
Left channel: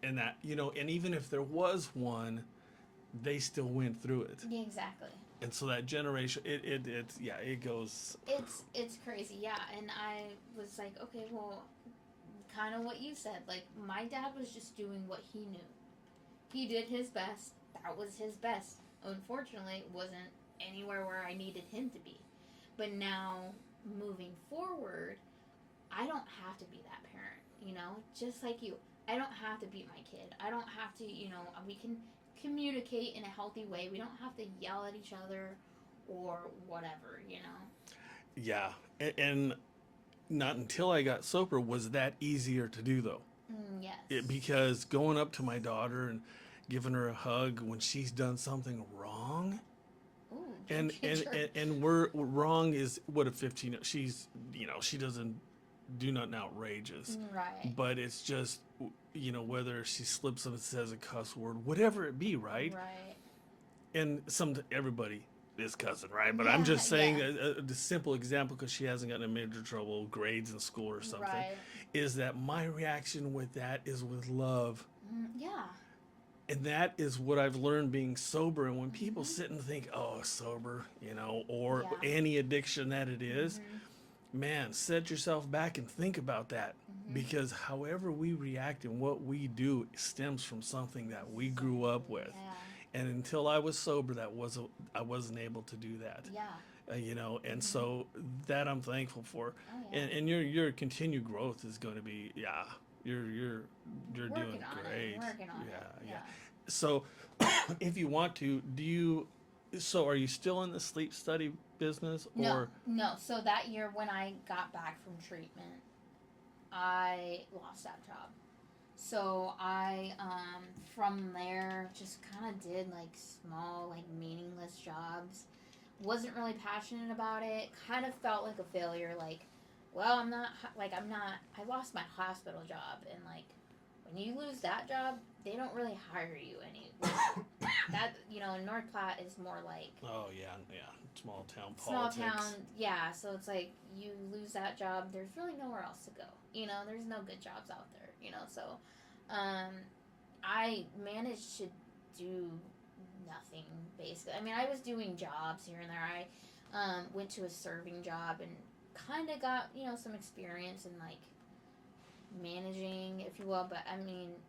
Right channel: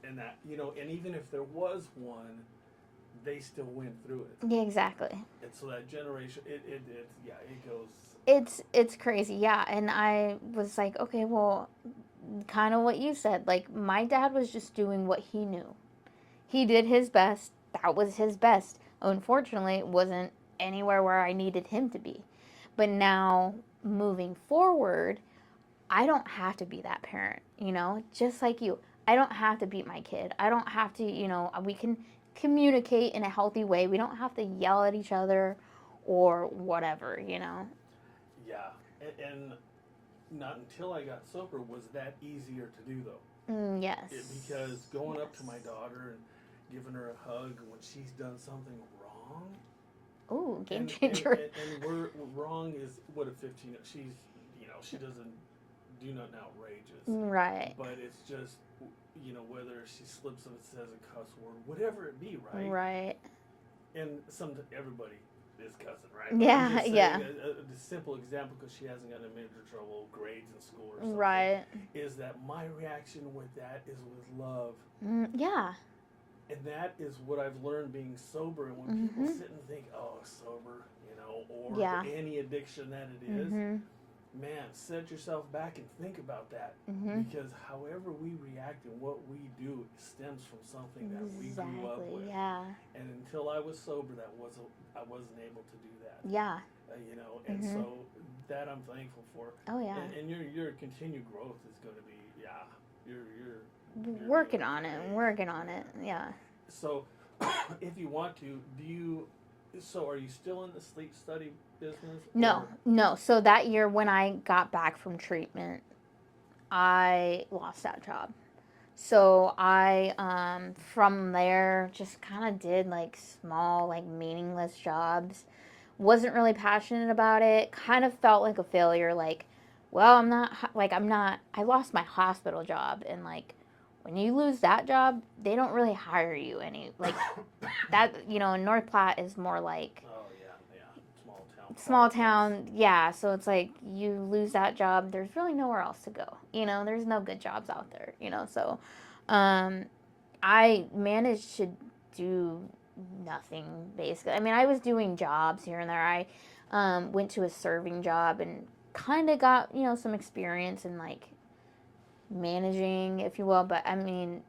and that, and even if there was one, they still went through it. Yeah, exactly. And so that generation, it goes. It's crazy, yeah. And I was like, okay, well, kind of what you said. My dad was just doing what he knew. He did his best. That was his best. Unfortunately, it wasn't anywhere where I needed him to be. But now, moving forward, I don't have to be that parent, just like you. I don't have to beat my kid. I don't have to, we can communicate in a healthy way. We don't have to yell at each other or whatever. Yeah. And not until I got sober was that easier to do, though. Yes. Because going up to my daughter and giving her a hug when she's done something wrong. Ooh, and we're wrong is what a 15. She's she doesn't do nothing outrageous. Right. But it's just whether she slips up and says a cuss word, whatever it be, right? Right. And everybody is cussing, right? But yeah, I'm just saying yeah. a simple example, because she hasn't gotten in major trouble, grades in school or something. Right. Is that my reaction with that is with love. Yeah. And that is what I've learned being sober. And when people sit and think, oh, sober, or any addiction that it is, man, set yourself back and think about that. Because however we react and what we do stems from something that we grew up with. Yeah. And until I was sober, I wasn't able to do that. Yeah. And so that I'm thankful for. Oh yeah. And your continued growth is going to be, you're working on it. Working on it. Yeah. So, if you want to, are you still in the sleep study business? No. So that year when I got back from treatment, I lost that job. So I, from there, just kind of did small, meaningless jobs. Wasn't really passionate about it. Kind of felt like a failure. Well, I lost my hospital job, and when you lose that job, they don't really hire you any that in North Platte is more oh yeah, small town small town, yeah. So it's like you lose that job. There's really nowhere else to go. There's no good jobs out there. So I managed to do nothing basically. I mean, I was doing jobs here and there. I went to a serving job and kind of got some experience in like managing, if you will. But I mean,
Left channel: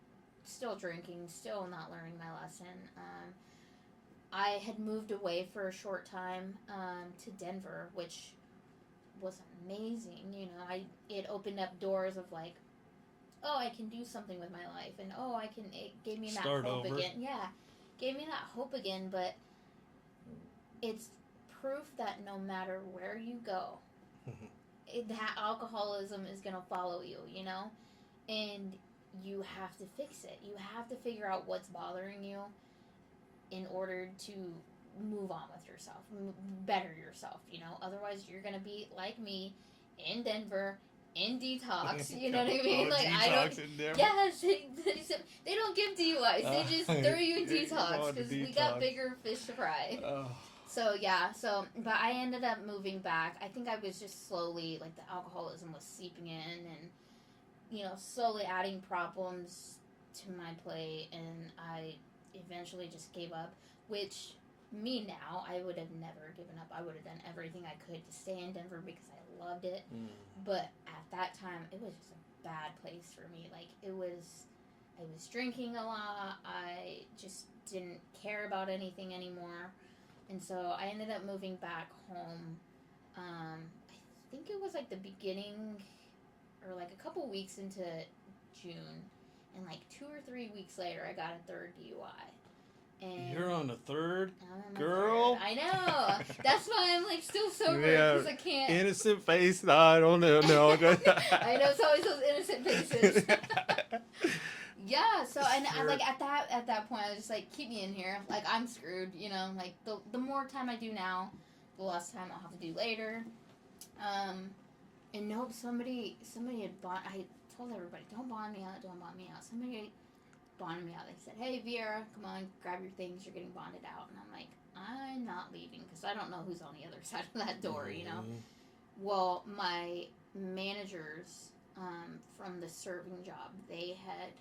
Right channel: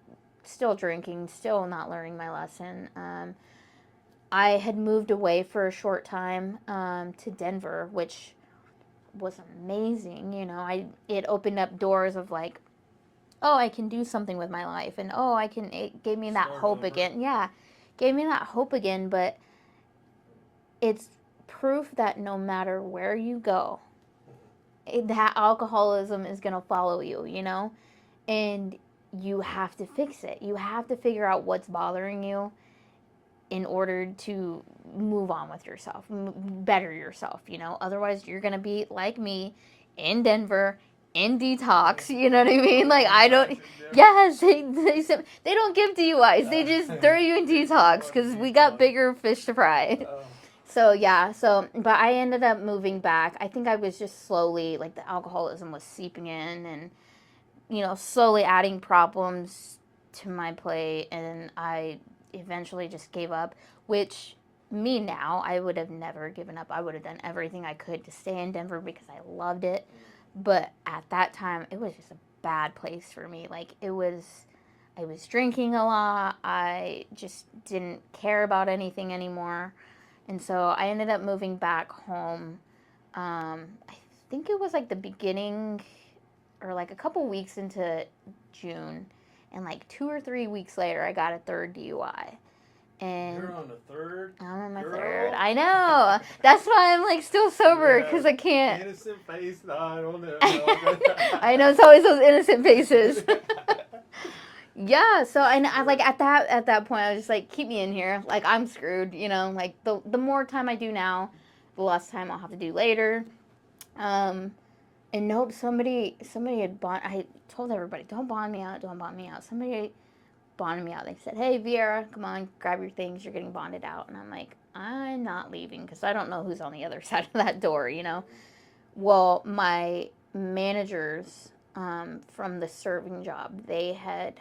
still drinking, still not learning my lesson. I had moved away for a short time to Denver, which was amazing. It opened up doors of like, oh, I can do something with my life, and it gave me that hope again. Yeah, gave me that hope again. But it's proof that no matter where you go, that alcoholism is gonna follow you. And you have to fix it. You have to figure out what's bothering you in order to move on with yourself, better yourself, Otherwise, you're going to be like me in Denver, in detox, you know what I mean? Like, I don't, yes, they don't give DUIs. They just throw you in detox because we got bigger fish to fry. So, yeah, but I ended up moving back. I think I was just slowly, like, the alcoholism was seeping in and, slowly adding problems to my plate, and I eventually just gave up, which me now, I would have never given up. I would have done everything I could to stay in Denver because I loved it. But at that time, it was just a bad place for me. Like, I was drinking a lot. I just didn't care about anything anymore. And so I ended up moving back home. I think it was like the beginning or like a couple weeks into June. And like 2 or 3 weeks later, I got a third DUI. And you're on the third? I'm on my girl? third. I know. That's why I'm like still sober because I can't. Innocent face. No, I don't know. I know, it's always those innocent faces. Yeah. So and I like at that point, I was just like, keep me in here. Like I'm screwed. Like the more time I do now, the less time I'll have to do later. And no, somebody had bought. I told everybody, don't bond me out. Somebody bonded me out. They said, hey, Vieyra, come on, grab your things. You're getting bonded out. And I'm like, I'm not leaving because I don't know who's on the other side of that door, Well, my managers from the serving job, they had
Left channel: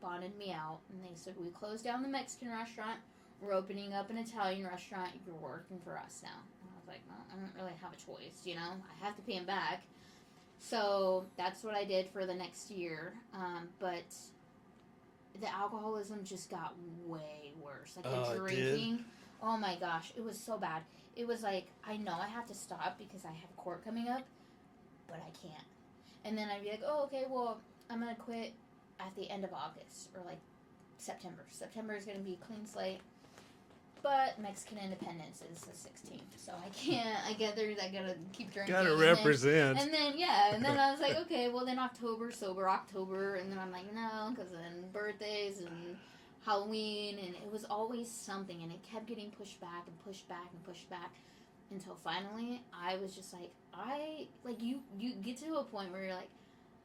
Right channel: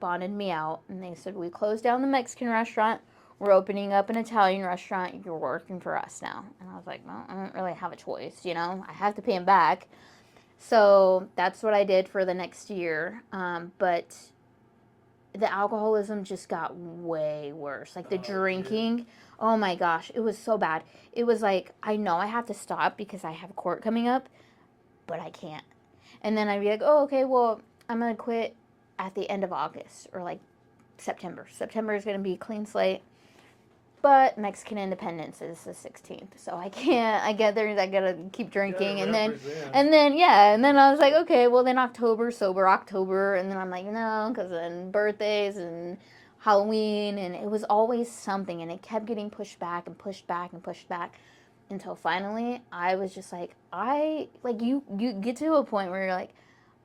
bonded me out. And they said, we closed down the Mexican restaurant. We're opening up an Italian restaurant. You're working for us now. And I was like, well, I don't really have a choice, I have to pay him back. So that's what I did for the next year. But the alcoholism just got way worse. Like the drinking. Oh my gosh. It was so bad. It was like, I know I have to stop because I have court coming up, but I can't. And then I'd be like, oh, okay, well, I'm going to quit at the end of August or like September. September is going to be a clean slate. But Mexican independence is the 16th, so I can't. I get there, I gotta keep drinking, and then I was like, okay, well then October, sober October, and then I'm like, no, because then birthdays and Halloween, and it was always something, and it kept getting pushed back and pushed back and pushed back, until finally I was just like, you get to a point where you're like,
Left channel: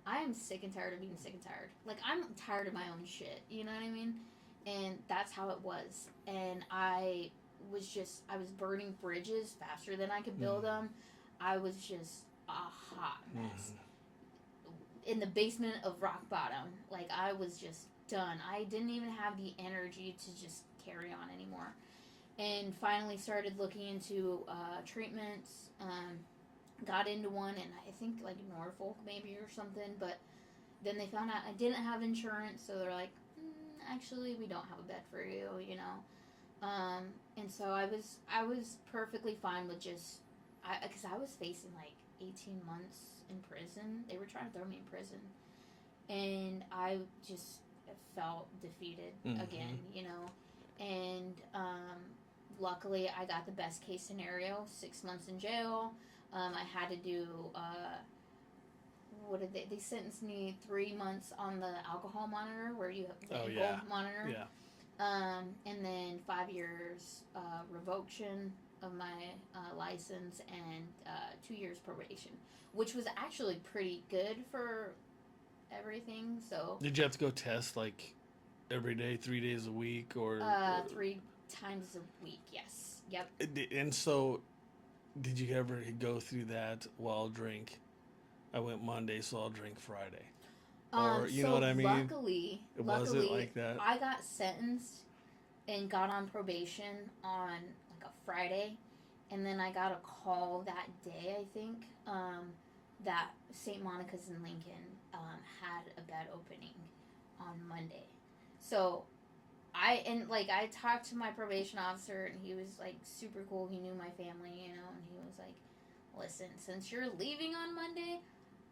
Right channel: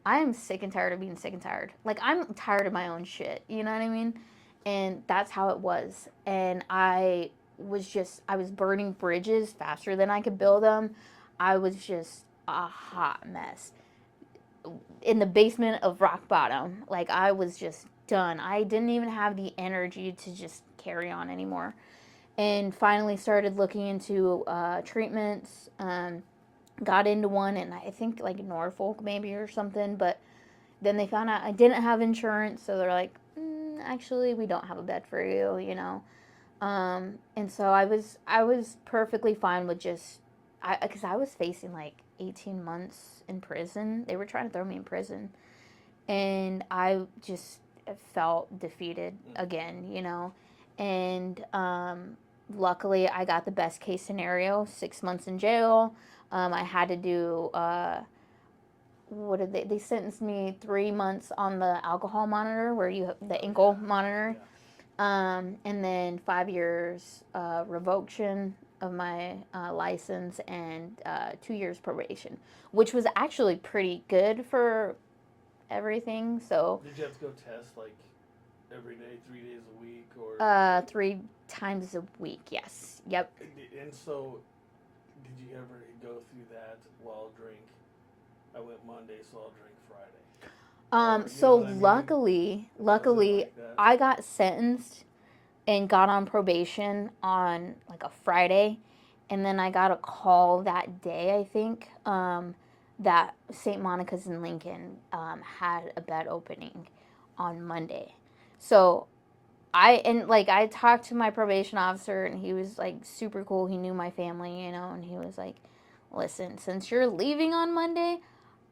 I am sick and tired of being sick and tired. Like I'm tired of my own shit. You know what I mean? And that's how it was. And I was burning bridges faster than I could build them. I was just a hot mess. In the basement of rock bottom. Like, I was just done. I didn't even have the energy to just carry on anymore. And finally started looking into treatments. Got into one, and I think, like, Norfolk maybe or something. But then they found out I didn't have insurance, so they're like, actually, we don't have a bed for you, and so I was perfectly fine with just, because I was facing like 18 months in prison. They were trying to throw me in prison, and I just felt defeated again, and luckily I got the best case scenario, 6 months in jail. I had to do what did they sentenced me 3 months on the alcohol monitor where you the ankle monitor, and then 5 years revocation of my license, and 2 years probation, which was actually pretty good for everything. So did you have to go test like every day, 3 days a week, or 3 times a week? Yes. Yep. And so did you ever go through that? Well, I'll drink. I went Monday, so I'll drink Friday. Or, you know what I mean? Luckily, Was it like that? I got sentenced and got on probation on like a Friday, and then I got a call that day, I think, that St. Monica's in Lincoln had a bed opening on Monday. So I talked to my probation officer, and he was like super cool. He knew my family, you know, and he was like, "Listen, since you're leaving on Monday,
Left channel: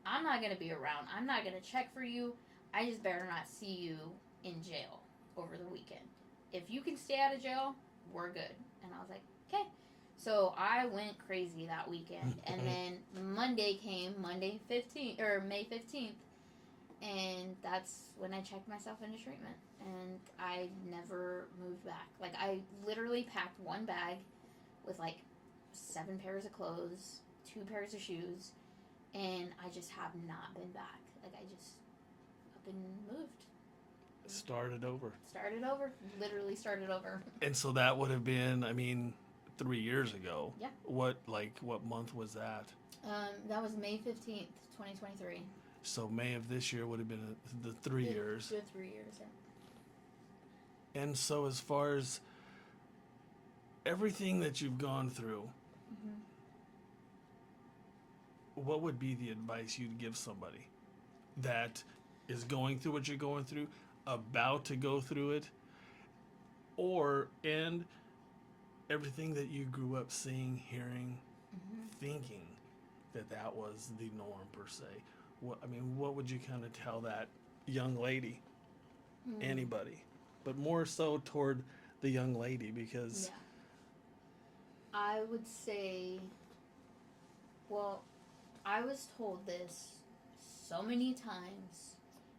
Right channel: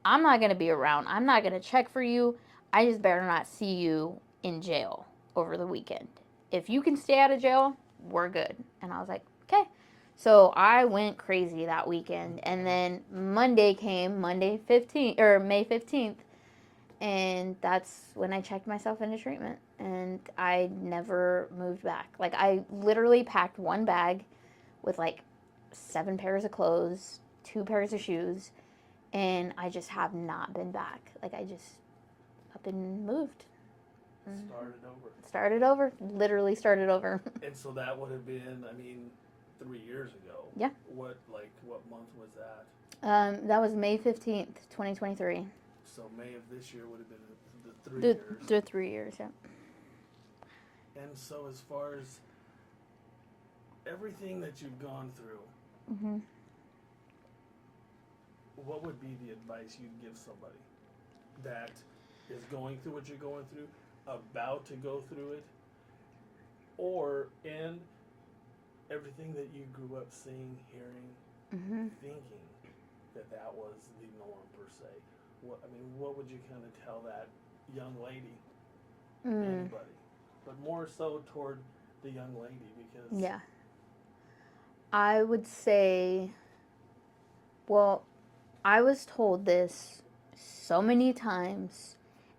I'm not going to be around. I'm not going to check for you. I just better not see you in jail over the weekend. If you can stay out of jail, we're good." And I was like, okay. So I went crazy that weekend. And then Monday came, May 15th. And that's when I checked myself into treatment. And I never moved back. Like, I literally packed one bag with like 7 pairs of clothes, 2 pairs of shoes, and I just have not been back. Like, I've been moved. Started Literally started over. And so that would have been, 3 years ago. Yeah. What month was that? That was May 15th, 2023. So May of this year would have been the 3 years. The 3 years, yeah. And so as far as everything that you've gone through, Mm-hmm. what would be the advice you'd give somebody that is going through what you're going through, about to go through it, and everything that you grew up seeing, hearing, thinking that was the norm per se? What would you kind of tell that young lady, anybody, but more so toward the young lady, because yeah, I would say, well, I was told this so many times,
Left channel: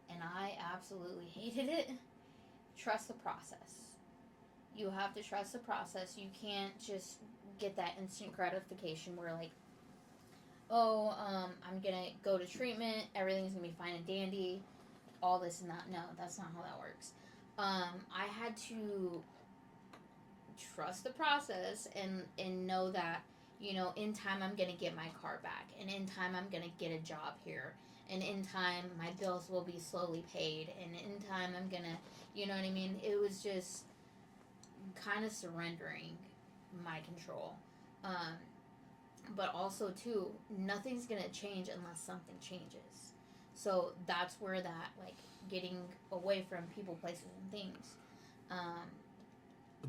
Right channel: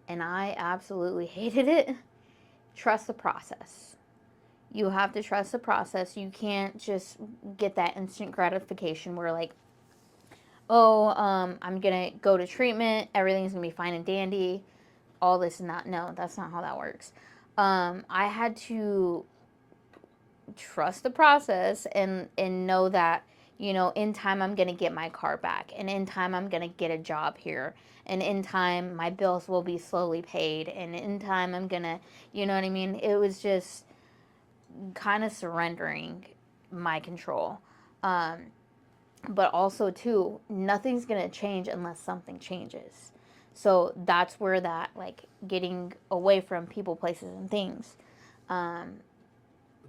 and I absolutely hated it. Trust the process. You have to trust the process. You can't just get that instant gratification where, like, oh, I'm going to go to treatment, everything's going to be fine and dandy, all this and that. No, that's not how that works. I had to trust the process and know that, you know, in time I'm going to get my car back, and in time I'm going to get a job here, and in time my bills will be slowly paid, and in time I'm going to, you know what I mean? It was just kind of surrendering my control. But also, too, nothing's going to change unless something changes. So that's where that, like, getting away from people, places, and things.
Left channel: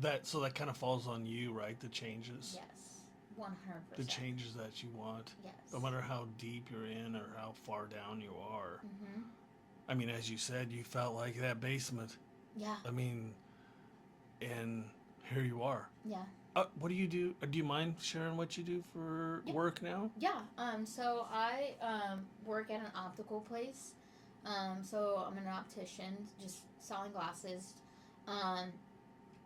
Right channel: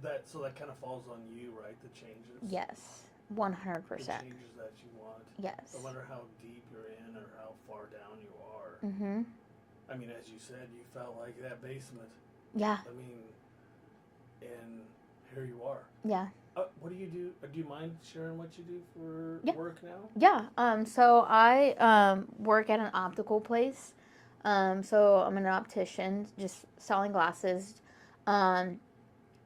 that kind of falls on you, right? The changes. Yes, 100%. The changes that you want. Yes. No matter how deep you're in or how far down you are. Mm-hmm. As you said, you felt like that basement. Yeah. And here you are. Yeah. What do you do? Do you mind sharing what you do for work now? Yeah. So I work at an optical place. So I'm an optician, just selling glasses.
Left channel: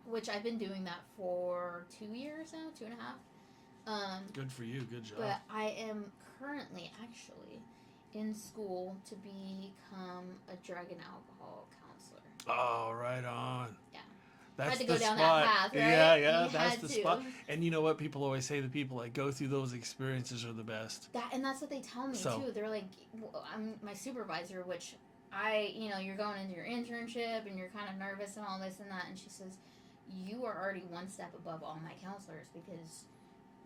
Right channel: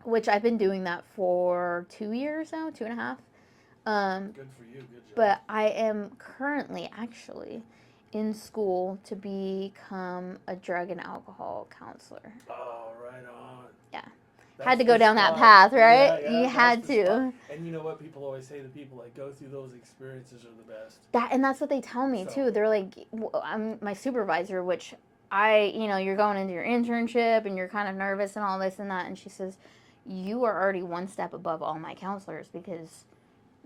Which I've been doing that for 2 years now, 2.5. Good for you. Good job. But I am currently actually in school to become a drug and alcohol counselor. Oh, right on. Yeah. That's had to go down spot. that path, right? Yeah, you had to. Spot. And you know what? People always say the people that go through those experiences are the best. And that's what they tell me, too. They're like, I'm my supervisor, which you're going into your internship and you're kind of nervous and all this and that. And she says, you are already one step above all my counselors because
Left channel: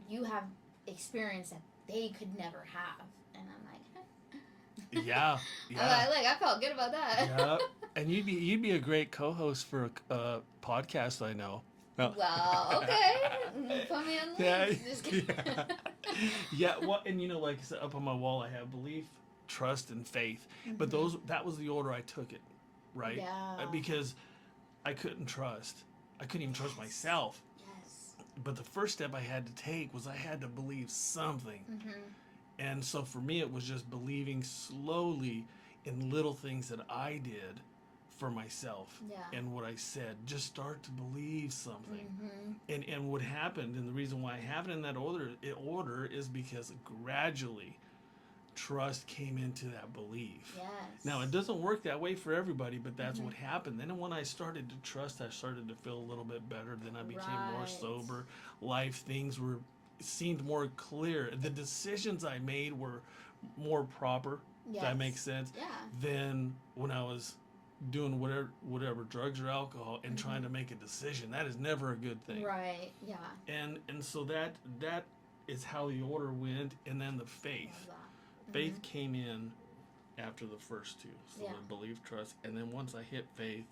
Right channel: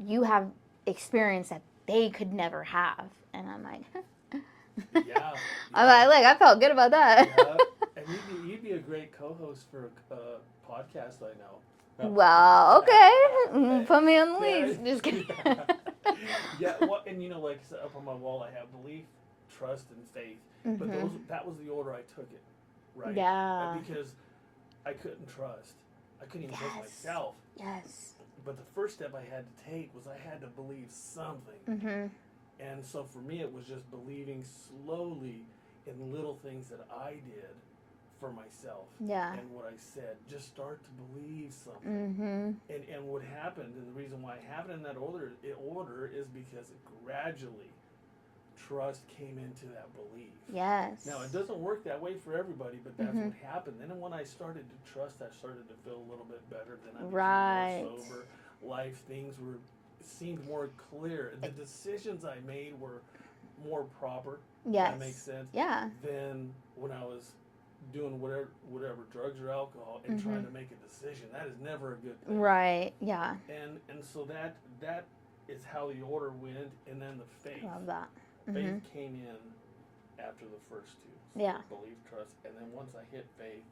you have experience that they could never have. And I'm like, yeah. I felt good about that. Yeah. And you'd be a great co-host for a podcast, I know. No. Well, okay. Put me on the list. Just kidding. Yeah. Well, and like I said, up on my wall, I have belief, trust, and faith. But that was the order I took it, right? Yeah. Because I couldn't trust. I couldn't even trust myself. Yes. But the first step I had to take was I had to believe something. Mm-hmm. And so for me, it was just believing slowly in little things that I did for myself. Yeah. And what I said, just start to believe something. Mm-hmm. And what happened, and the reason why I have it in that order is because gradually trust came into that belief. Yes. Now, it doesn't work that way for everybody, but that's what happened. Then when I started to trust, I started to feel a little bit better. Then I became more sober. Things were seemed more clear. The decisions I made were more proper. Yes. That makes sense. Yeah. Than when I was doing whatever drugs or alcohol and trying to make a decision. That is never a good thing. Right. Yeah. And so that is how the order went, and then the faith. Love that. Faith came in after the first two. So Yeah. belief, trust, and then once I hit faith,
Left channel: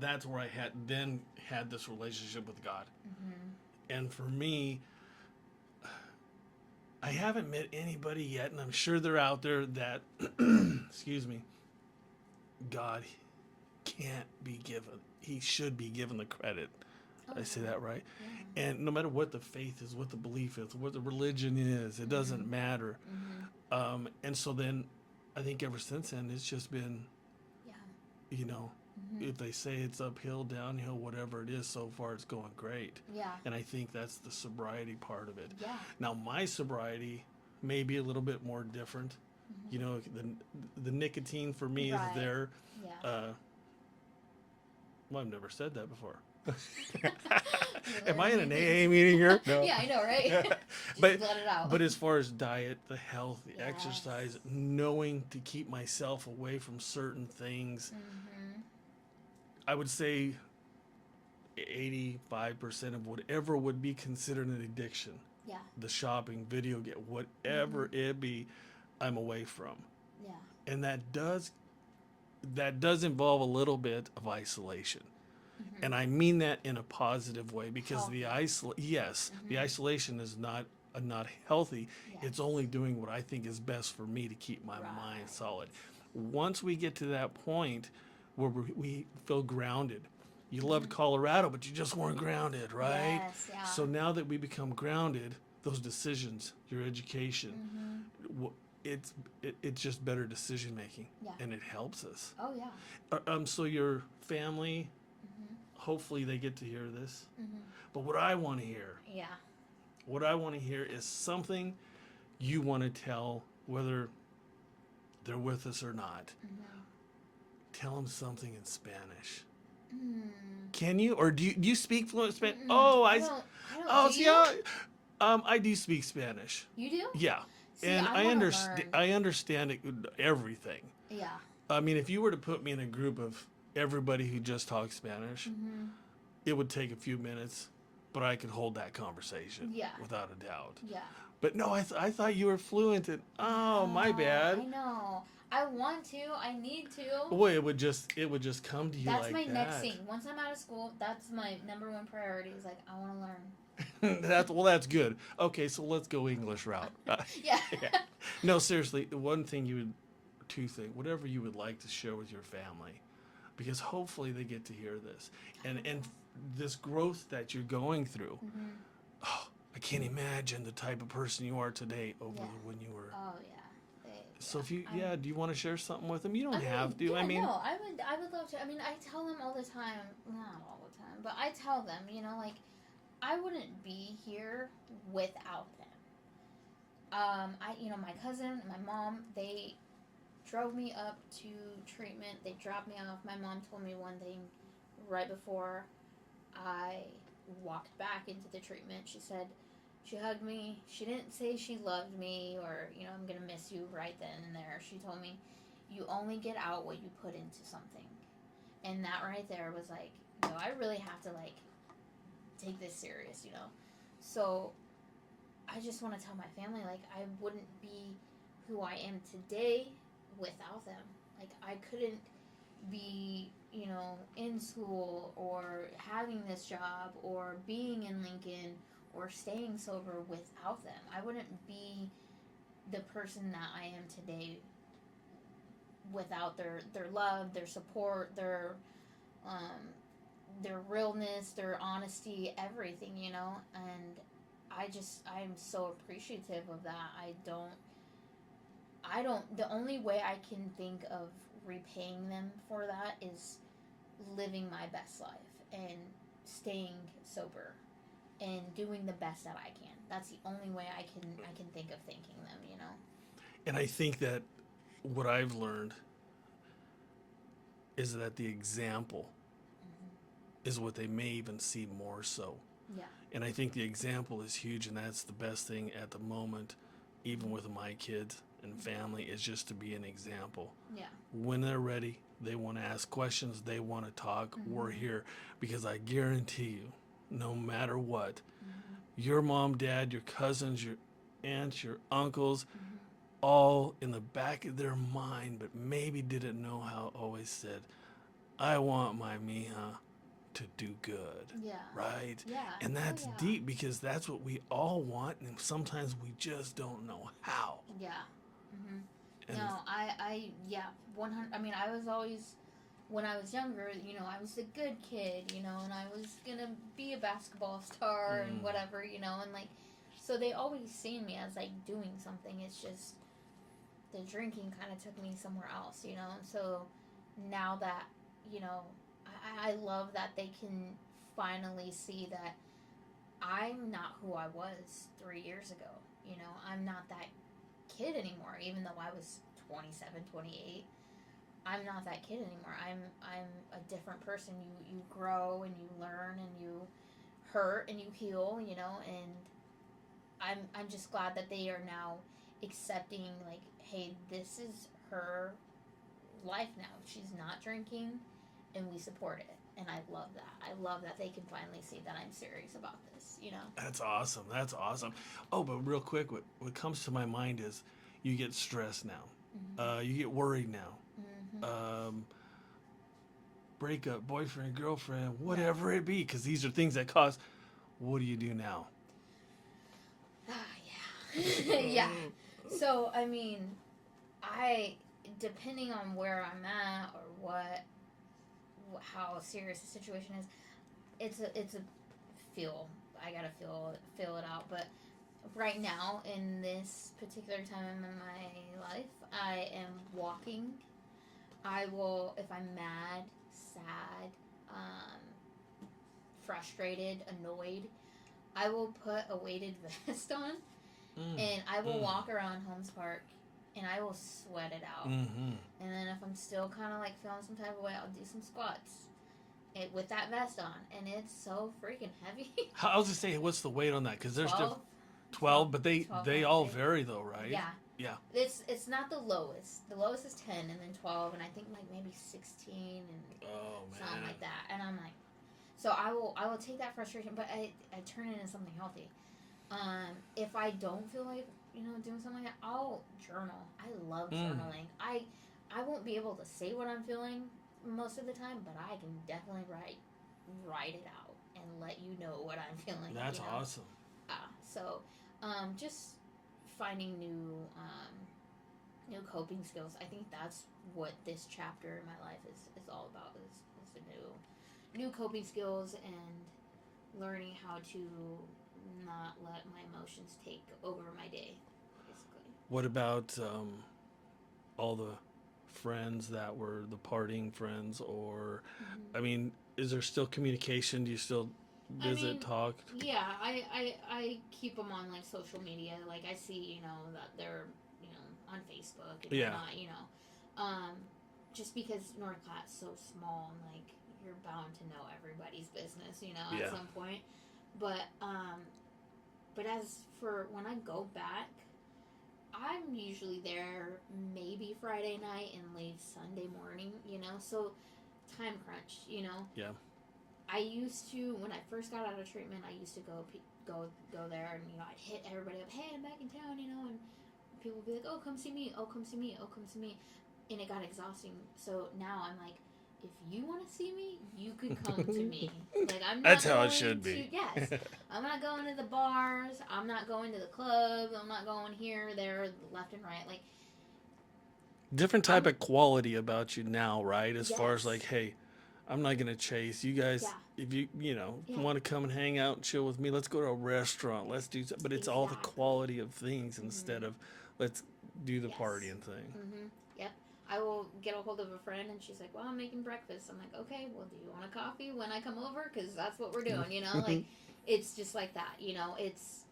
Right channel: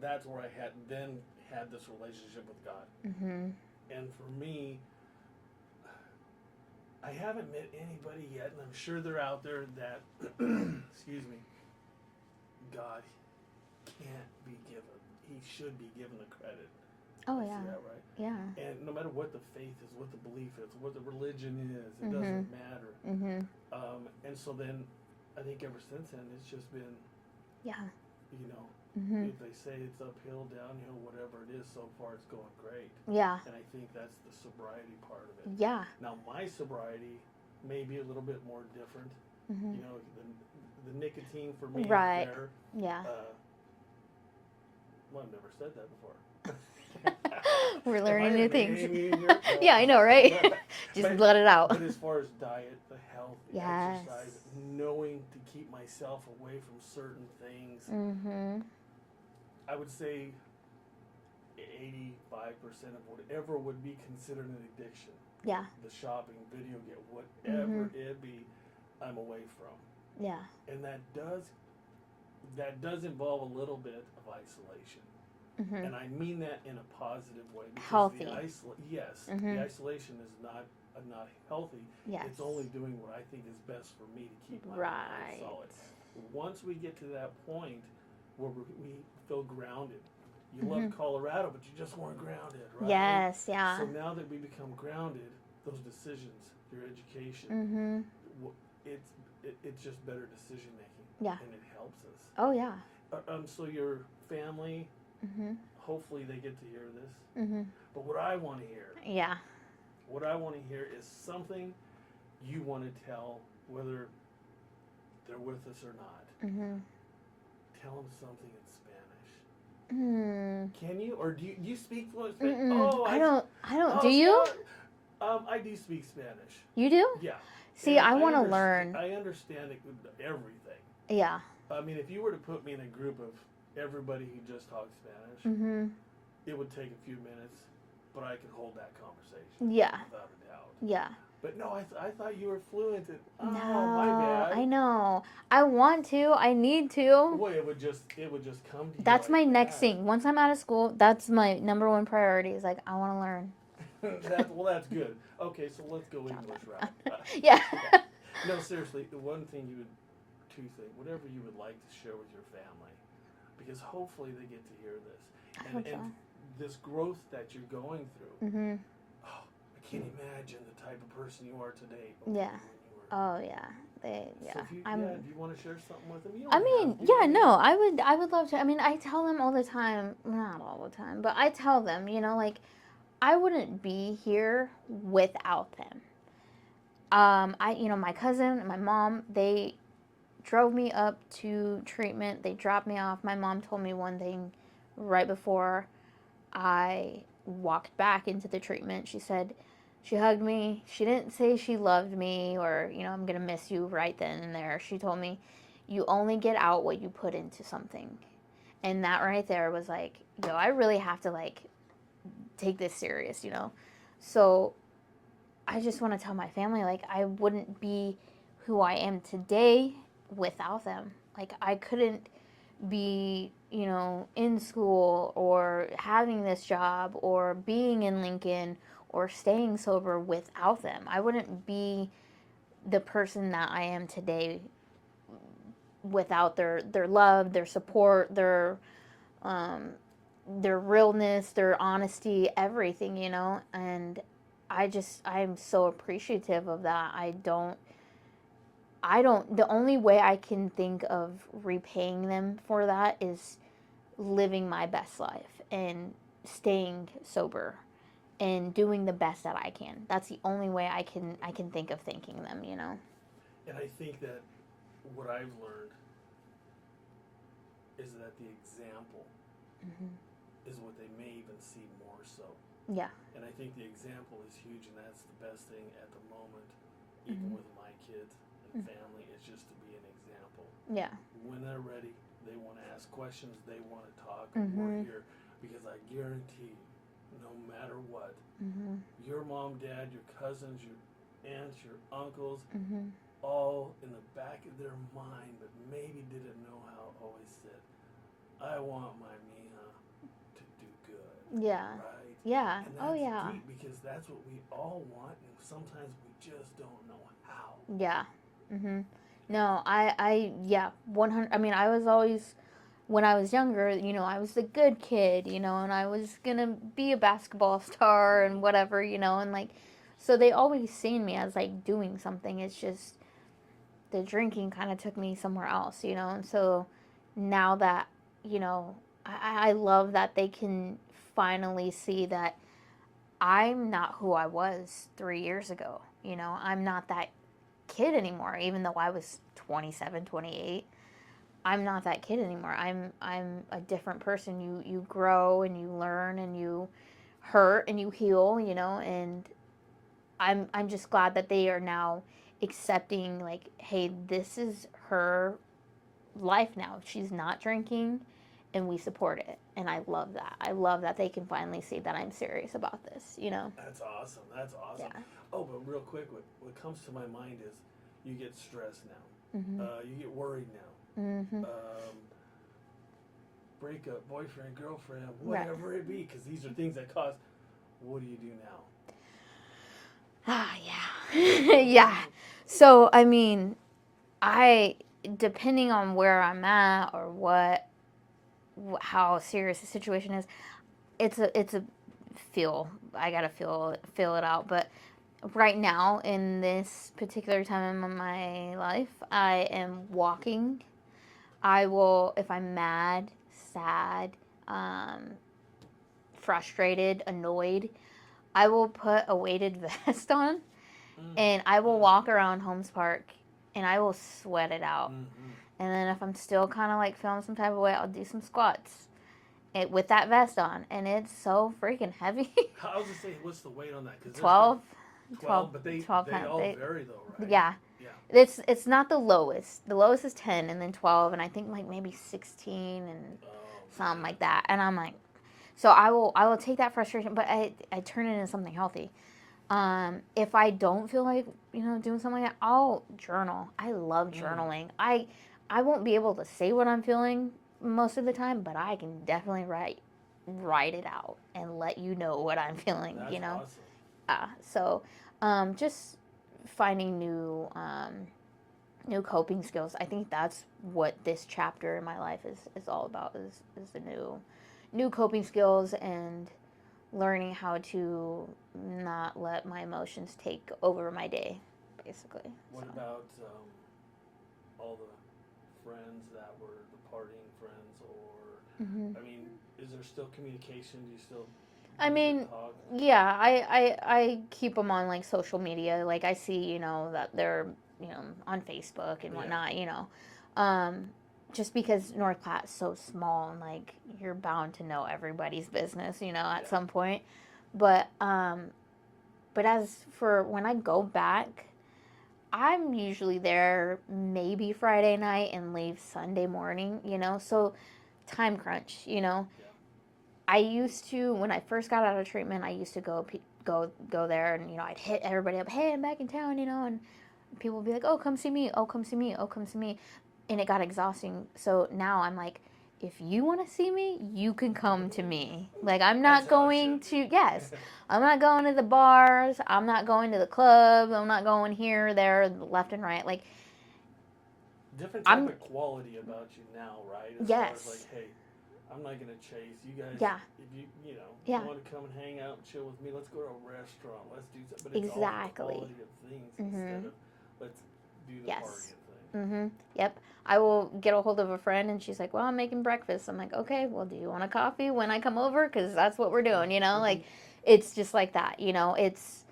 that's where I had this relationship with God. And for me, I haven't met anybody yet, and I'm sure they're out there that, excuse me, God can't be given. He should be given the credit. Oh, I say that right? Yeah. And no matter what the faith is, what the belief is, what the religion is, it doesn't matter. And so then I think ever since then, it's just been, you know, if they say it's uphill, downhill, whatever it is, so far it's going great. Yeah. And I think that's the sobriety part of it. Yeah. Now, my sobriety may be a little bit more different. You know, the nicotine for me is there. Yeah. Well, I've never said that before. We're Am I learning in new an AA things. meeting here? No. Yeah, I know, right? Just let it out. But as far as diet, the health, the Yes. exercise, knowing to keep myself away from certain things, I would say 85% of whatever would be considered an addiction, Yeah. the shopping, video game, whatever it be, I'm away from. Yeah. And that does involve a little bit of isolation. And I mean that in a positive way, because Healthy. the isolation is not healthy. Yes. It's only doing what I think is best for me to keep my mind Right. solid. Once we get to that point where we feel grounded, you loved Colorado, but you just weren't grounded, right? Yes, yeah. So now that we become grounded, those decisions, your education, it's just better decision making. Yeah. And it helps us. Oh, yeah. So your family, hopefully they get to hear this. But what I want to hear is something you want to tell, whether they're with us or not. Tell them something in Spanish. Can you, or do you speak fluent Spanish? Oh, I don't. Oh, Do you? I do speak Spanish. You do? Yeah. See, And I want to learn. I understand everything. Yeah. I mean, if you were to put me in a group of everybody who just talks Spanish, it would take a few minutes, but I could hold that conversation. Yeah. Without a doubt. Yeah. But no, I thought you were fluent in. Oh, my bad. I know. I want to. I need to. Well, it would just come to you. That's like my next that. thing. Once I'm out of school, that's my number one priority. Is like I want to learn. That's good. Okay, so let's go English route. Yeah. No, seriously, two things, whatever you would like to share with your family, because hopefully they get to hear this, and this growth that you're going through. Oh, I can't imagine the type of person you are today over when you were. Oh yeah. So if you, do you want to share something with them? You don't I mean, have to. yeah, no, I would love to. I mean, I tell them all the time, not all the time, but I tell them, like, I wouldn't be here without them. My cousin and my mom, they drove me up to treatment. They dropped me off. My mom told me one thing right before I walked back into the treatment. She said, she hugged me. She didn't say she loved me or, I'm going to miss you right then and there. She told me, you only get out what you put into something. And that right there was like, I really have to, take this serious, So I just want to tell my family, I wouldn't be who I am today without them. I couldn't be, in school or having this job or being in Lincoln or staying sober without them. I wouldn't be the person that I am today without their love, their support, their realness, their honesty, everything, and I'm so appreciative of that. The only way I can think of repaying them for that is living my best life and staying sober and doing the best that I can. That's the only way I can think of thanking them, And I think that what I've learned is that the example is what they may even see more so Yeah. And I think the example is huge, and that's the best thing at the moment, even with my kids and family, is just to be an example. Yeah. When they're ready, they want to ask questions, they want to talk, we're here. Because I guarantee you, no matter what, your mom, dad, your cousins, your aunts, your uncles, all in the back of their mind, but maybe didn't know how, always said, I want my Mija to do good. Yeah. Right? Yeah. And that's deep, because that's what we all want, and sometimes we just don't know how. Yeah. No, yeah, 100. I mean, I was always, when I was younger, I was the good kid, and I was gonna be a basketball star and whatever, and like, so they always seen me as like doing something. It's just the drinking kind of took me somewhere else, and so now that, I love that they can finally see that I'm not who I was 3 years ago. I'm not that kid anymore, even though I was 27, 28. I'm not that kid anymore. I'm a different person. You grow and you learn and you hurt and you heal, and I'm just glad that they are now accepting, like, hey, this is her life now. She's not drinking, and we support it. And I love that. I love that they can finally see that I'm serious about this, That's awesome. That's awesome. Yeah. Oh, but real quick, what comes to my mind is you get stressed now. You get worried now. Breakup, boyfriend, girlfriend, whatever it be, because these are things that cause. What do you do now? Yeah. Yeah. So, I mean, depending on where I'm at or how serious the situation is, it's a feel. I gotta feel it out. But right now, in this particular time in my life, I am walking. I will, if I'm mad, sad, frustrated, annoyed, I will put a weighted vest on, and I will walk around Holmes Park, and I will sweat it out. And then if I'm still kind of like feeling some type of way, I'll do some squats with that vest on, and it's so freaking heavy. I was just saying, what's the weight on that? Because there's 12. 12, but they 12 all pounds. vary though, right? Yeah. Yeah. It's not the lowest. The lowest is 10, and then 12, and I think like maybe 16 and something like that. And I'm like, so I will take that frustration, but I turn it into something healthy. If I don't feel like doing something like that, I'll journal. I love journaling. I won't be able to say what I'm feeling most of the time, but I can definitely write it out and let you know what I'm feeling. That's awesome. So just finding new coping skills. I think that's what this chapter in my life is all about. Is the new coping skills and learning how to not let my emotions take over my day, basically. What about all the friends that were the partying friends, or I mean, is there still communication? Do you still visit, talk? Yeah, I keep them on like social media. Like I see, that they're on Facebook and whatnot. Just because North Platte's so small, and like you're bound to know everybody's business, at some point. But as for when I go back, I'm usually there maybe Friday night and leave Sunday morning, so time crunch, Yeah. I used to, when I first got out of treatment, I used to go there, and I'd hit everybody up, hey, I'm back in town, and people would be like, oh, come see me, oh, come see me, oh, come see me, and it got exhausting. So now I'm like, if you want to see me, you can come to me. Like, I'm not going to, yes, I'm not going to the bars, I'm not going to the clubs, I'm not going here, there, left and right. Like, different type of quality about you now, right? As far as like, hey, I'm not gonna chase you guys. Yeah. If you want to come and hang out and chill with me, let's go to a restaurant. Let's do something. But it's all the quality of things instead of let's do the partying thing. Yep. I will get a hold of a friend, and she's like, well, I'm making breakfast. I'm like, okay, well, do you want a coffee when I come over? Because that's what we're doing, Like, it's just like that, it's...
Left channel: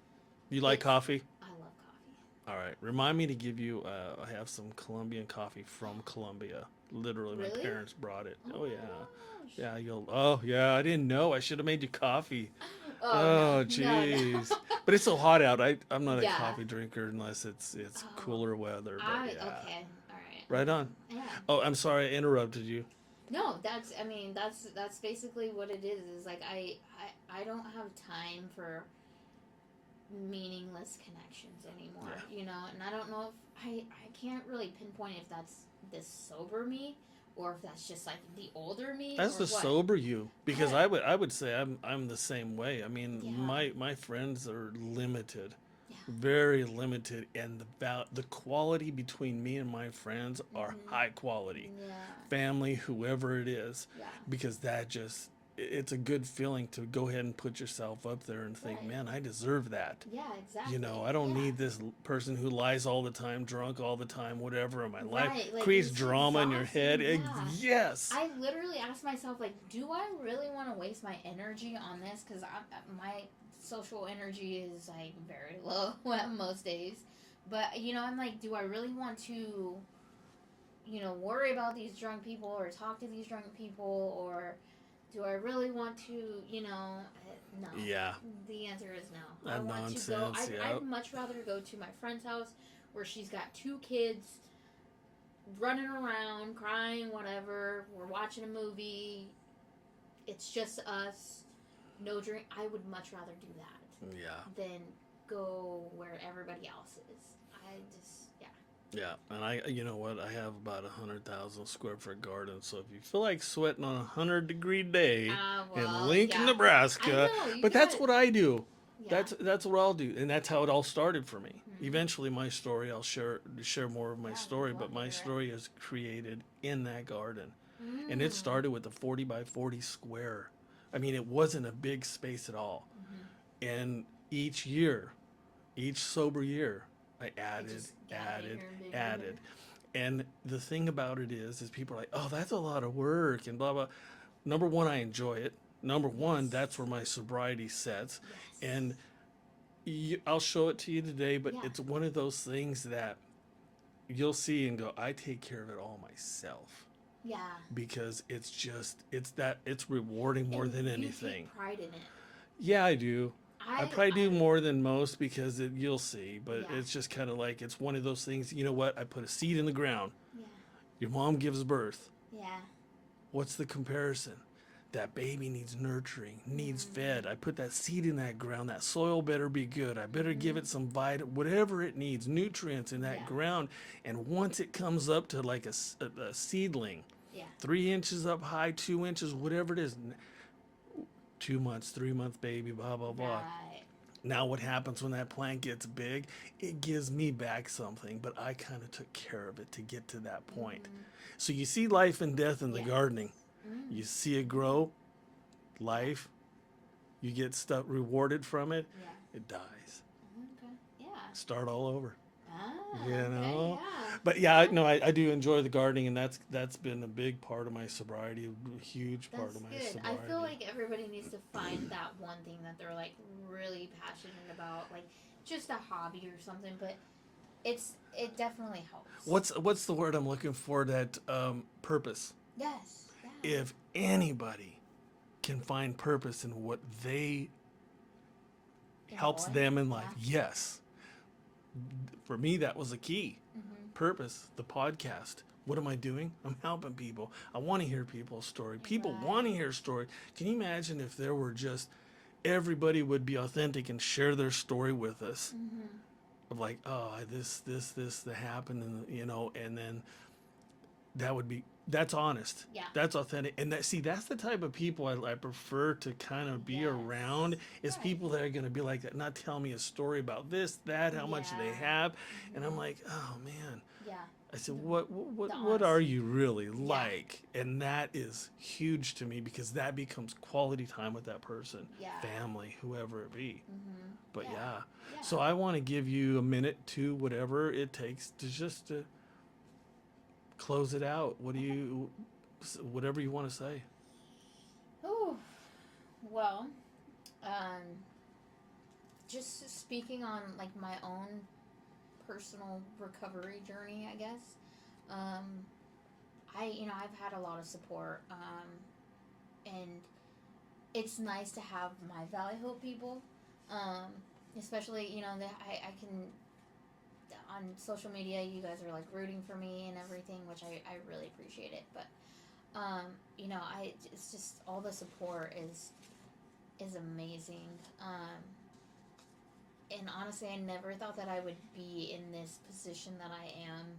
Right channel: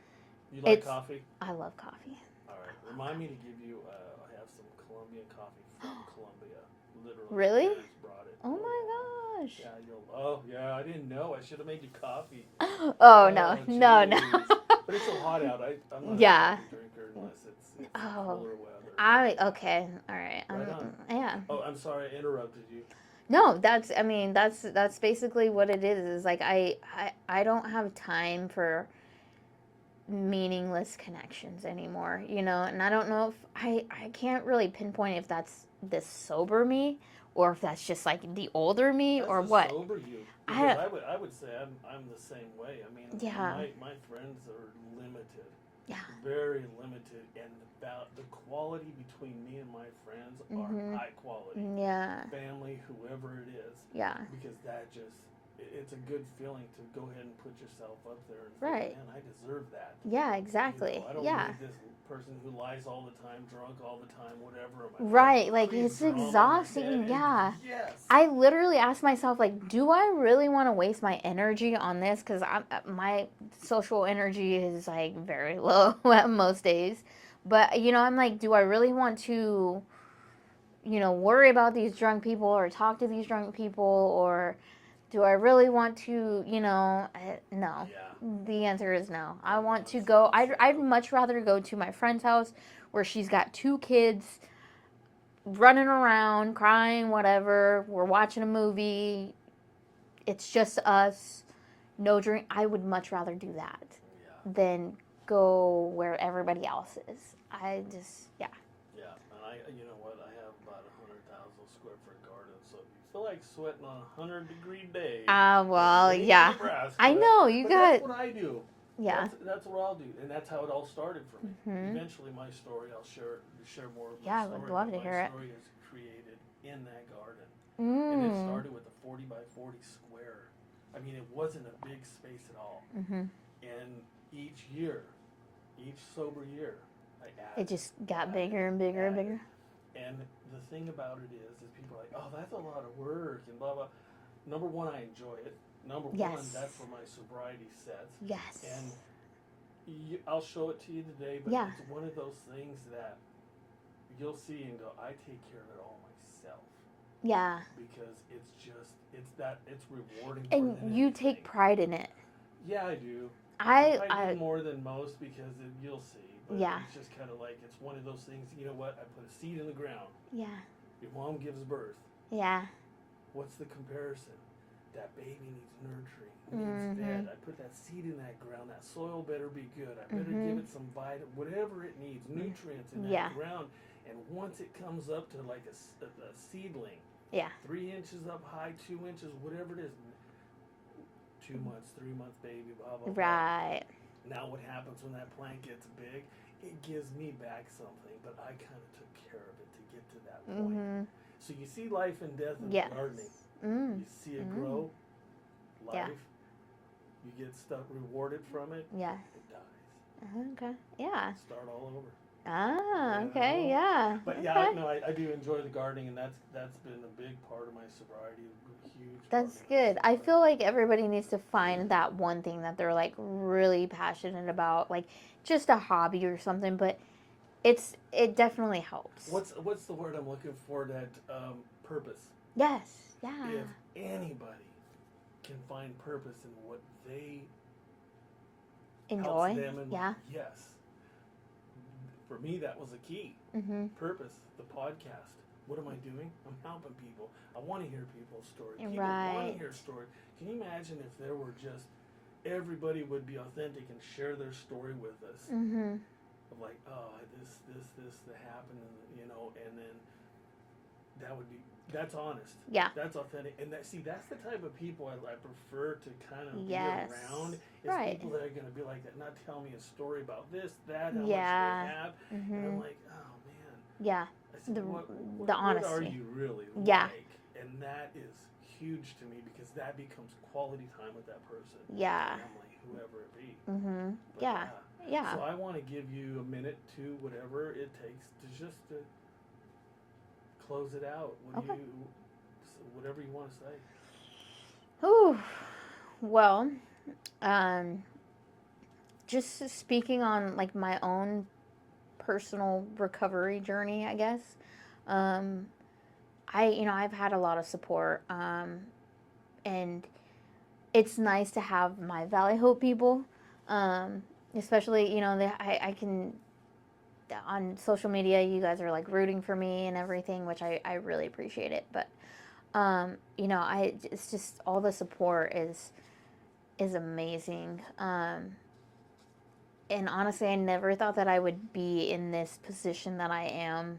You like coffee? I love coffee. All right. Remind me to give you. I have some Colombian coffee from Colombia. Literally, Really? my parents brought it. Oh my Yeah. gosh. Yeah. You'll. Oh yeah. I didn't know. I should have made you coffee. Oh no, Oh no, no. jeez. But it's so hot out. I'm not a Yeah. coffee drinker unless it's Oh, cooler weather. But I yeah. okay. All right. Right on. Yeah. Oh, I'm sorry I interrupted you. No, that's. I mean, that's basically what it is. Is like I don't have time for meaningless connections anymore. You know, and I don't know if I can't really pinpoint if that's this sober me or if that's just like the older me That's or the what. sober you, because I would say I'm the same way. I mean, Yeah. my friends are limited, Yeah. very limited, and the quality between me and my friends are high quality. Yeah. Family, whoever it is, Yeah. because it's a good feeling to go ahead and put yourself up there and think, Right. man, I deserve that. Yeah, exactly. You know, I don't yeah. need this person who lies all the time, drunk all the time, whatever in my life. Right, like Creates it's drama in your exhausting. head. Yeah. Yes. I literally asked myself, like, do I really want to waste my energy on this? Because my social energy is like very low at most days. But you know, I'm like, do I really want to, you know, worry about these drunk people or talk to these drunk people, or do I really want to, you know, no. Yeah. The answer is no. I That want to go. nonsense, I'd yep. much rather go to my friend's house where she's got 2 kids running around, crying, whatever. We're watching a movie. It's just us. No drink. I would much rather do that Yeah. than go where everybody else is. I just, yeah. Yeah, and you know what? I have about 100,000 square foot garden. So if you feel like sweating on a 100-degree day Well, in Lincoln, yeah. Nebraska, I know, you but got. that's what I do. Yeah. That's what I'll do, and that's how it all started for me. Mhm. Eventually, my story, I'll share more of my Yeah, I would story, love but to my hear it. story is created in that garden, and it started with a 40 by 40 square. I mean, it wasn't a big space at all, and each sober year, I added. It just got added, bigger and bigger and added. bigger. And the thing about it is people are like, oh, that's a lot of work and blah, blah. Number one, I enjoy it. Number one, Yes. that's where my sobriety sets. Yes. And I'll show it to you today, but Yeah. it's one of those things that you'll see and go, I take care of it all myself. Yeah. Because it's rewarding more And than you anything. take pride in it. Yeah, I do. I probably do more than most because you'll see, but Yeah. it's just kind of like it's one of those things. You know what? I put a seed in the ground. Yeah. Your mom gives birth. Yeah. What's the comparison? That baby needs nurturing, needs fed. I put that seed in that ground. That soil better be good. I better give it some whatever it needs, nutrients in that Yeah. ground. And once it comes up to like a seedling, Yeah. 3 inches up high, 2 inches, whatever it is, 2 months, 3 month baby, blah, blah, blah. Right. Now what happens when that plant gets big? It gives me back something, but I kind of took care of it to get to that point. So you see life and death in Yes. the gardening. You see it grow, life, you get stuff rewarded from it, Yeah. it dies. Okay. Yeah. Start all over. Ah. You Okay. know? Yeah. But yeah, Okay. I do enjoy the gardening, and that's been a big part of my sobriety, a huge part That's of my good. I feel sobriety. like everybody needs to find that one thing that they're like really passionate about, like just a hobby or something. But it definitely helps. What's the word I'm looking for? That purpose. Yes. Yeah. If anybody can find purpose in what they helps Enjoy? them in Yeah. life, yes. For me, that was a key. Purpose, the podcast. What am I doing? I'm helping people. I want to hear people's story. People want to Right. hear story. Can you imagine if there were just everybody would be authentic and share their story with us? Of like, oh, this that happened, and and then that's honest. Yeah. That's authentic. And that's the type of people I prefer to kind of be Yes. around, is Right. people that are going to be like that, not tell me a story about this, that, how much Yeah. they have. And I'm like, oh man. Yeah. I said, The- what the are honesty. you really Yeah. like? And that is huge to me, because that becomes quality time with that person. Yeah. Family, whoever it be. But Yeah. yeah. Yeah. So I want to give you a minute to whatever it takes to just to close it out. Whatever you want to say. Ooh. Well, just speaking on like my own personal recovery journey, I guess. I've had a lot of support, and it's nice to have my Valley Hope people, especially, I can, on social media, you guys are like rooting for me and everything, which I really appreciate it. But, it's just all the support is amazing. And honestly, I never thought that I would be in this position that I am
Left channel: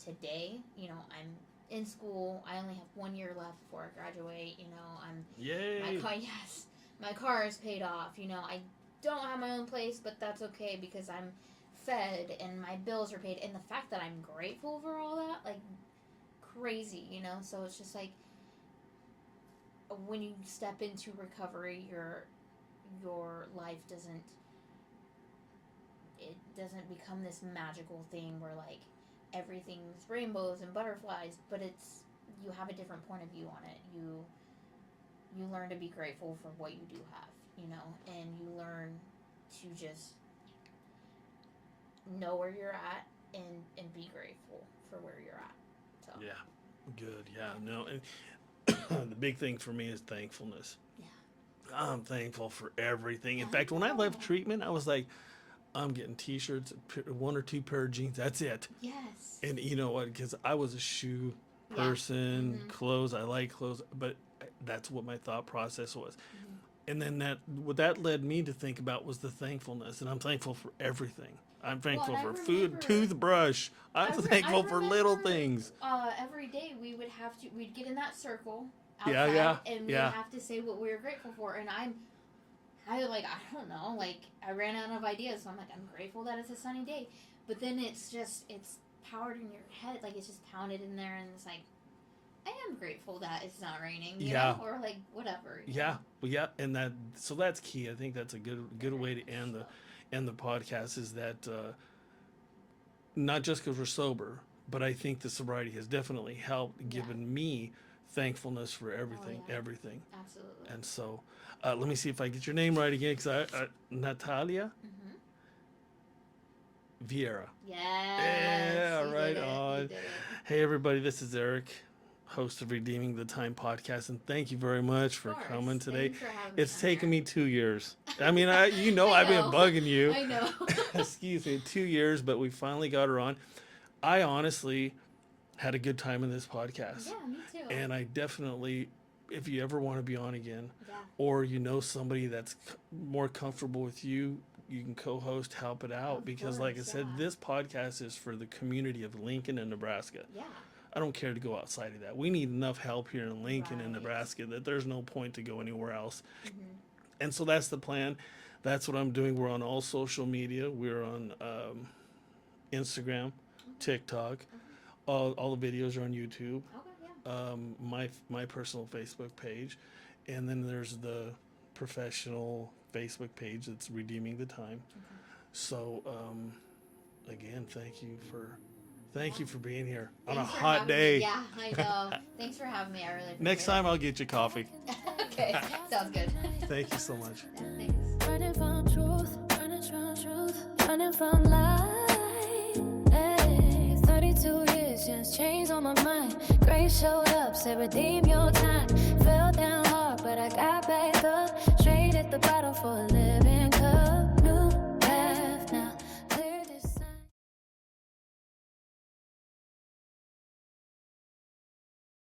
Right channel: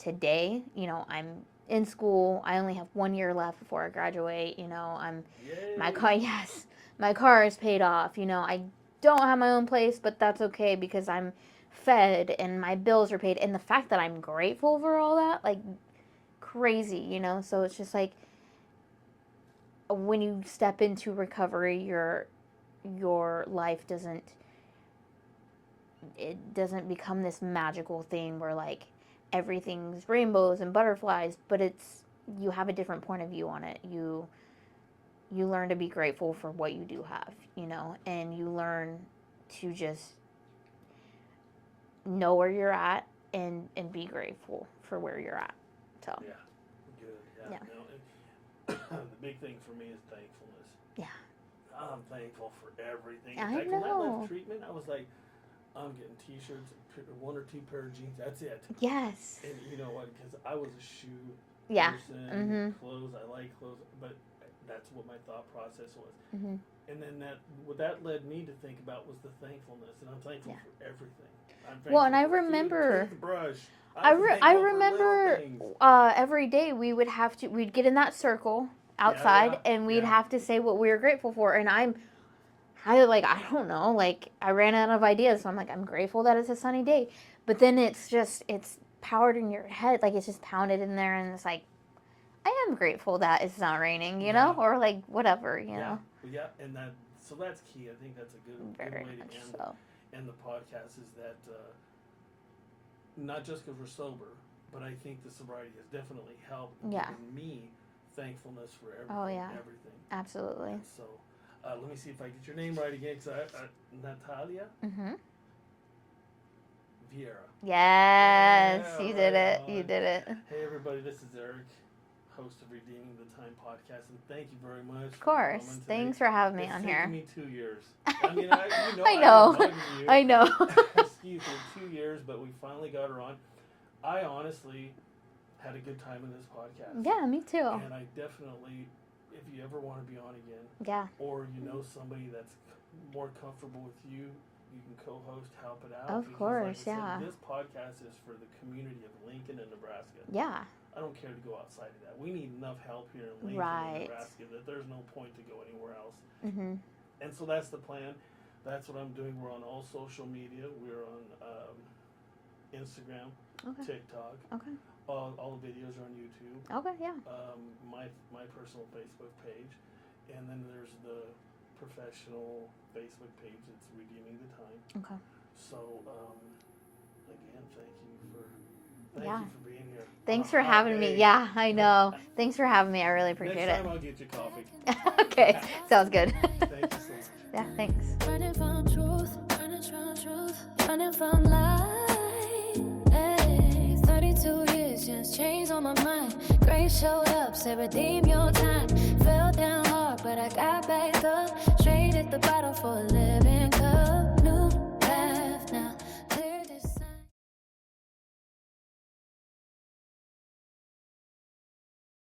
today. I'm in school. I only have 1 year left before I graduate. Yay. My car is paid off. I don't have my own place, but that's okay because I'm fed and my bills are paid. And the fact that I'm grateful for all that, like, crazy, So it's just like, when you step into recovery, your life doesn't become this magical thing where, like, everything's rainbows and butterflies, but you have a different point of view on it. You learn to be grateful for what you do have, and you learn to just know where you're at and be grateful for where you're at. So yeah, good. Yeah. No, and the big thing for me is thankfulness. Yeah, I'm thankful for everything. In fact, when I left treatment, I was like, I'm getting T-shirts, 1 or 2 pair of jeans. That's it. Yes. And you know what? Because I was a shoe person, clothes. I like clothes, but that's what my thought process was. Mm-hmm. And then what that led me to think about was the thankfulness, and I'm thankful for everything. I'm thankful for food, toothbrush. I'm thankful for little things. Every day we'd get in that circle outside, and we'd have to say what we were grateful for. And I don't know, like, I ran out of ideas, so I'm like, I'm grateful that it's a sunny day. But then it's powered in your head, like, it's just pounded in there, and it's like, I am grateful that it's not raining, you know, or like whatever, you know. Yeah, and so that's key. I think that's a good way to end the podcast, is that not just because we're sober, but I think the sobriety has definitely helped given me thankfulness for everything. Absolutely. And so, let me see if I get your name right again, because Natalia. Mm-hmm. Vieyra. Yes, you did it. You did it. Hey everybody, this is Eric, host of Redeeming the Time podcast, and thank you very much for coming today. Thanks for having me. It's taken me 2 years. I mean, I I've know. been bugging you. I know. Excuse me, 2 years, but we finally got her on. I honestly had a good time in this podcast. Yeah, me too. And I definitely, if you ever want to be on again, or somebody that's more comfortable with you, you can co-host, help it out. Because like I said, this podcast is for the community of Lincoln and Nebraska. Yeah. I don't care to go outside of that. We need enough help here in Lincoln and Nebraska that there's no point to go anywhere else. Mm-hmm. And so that's the plan. That's what I'm doing. We're on all social media. We're on Instagram, TikTok. Okay. All the videos are on YouTube. Okay, yeah. My personal Facebook page. And then there's the professional Facebook page that's Redeeming the Time. Okay. So, again, thank you for being here. Thanks for having me. Yeah, I know. Thanks for having me. I really appreciate it. Next time I'll get you coffee. Okay, sounds good. Thank you so much. Yeah, thanks. Running from truth, running from lies. Hey, 32 years, just changed on my mind. Grace showed up, said redeem your time. Fell down hard, but I got back up. Straight at the bottom for a living cup. New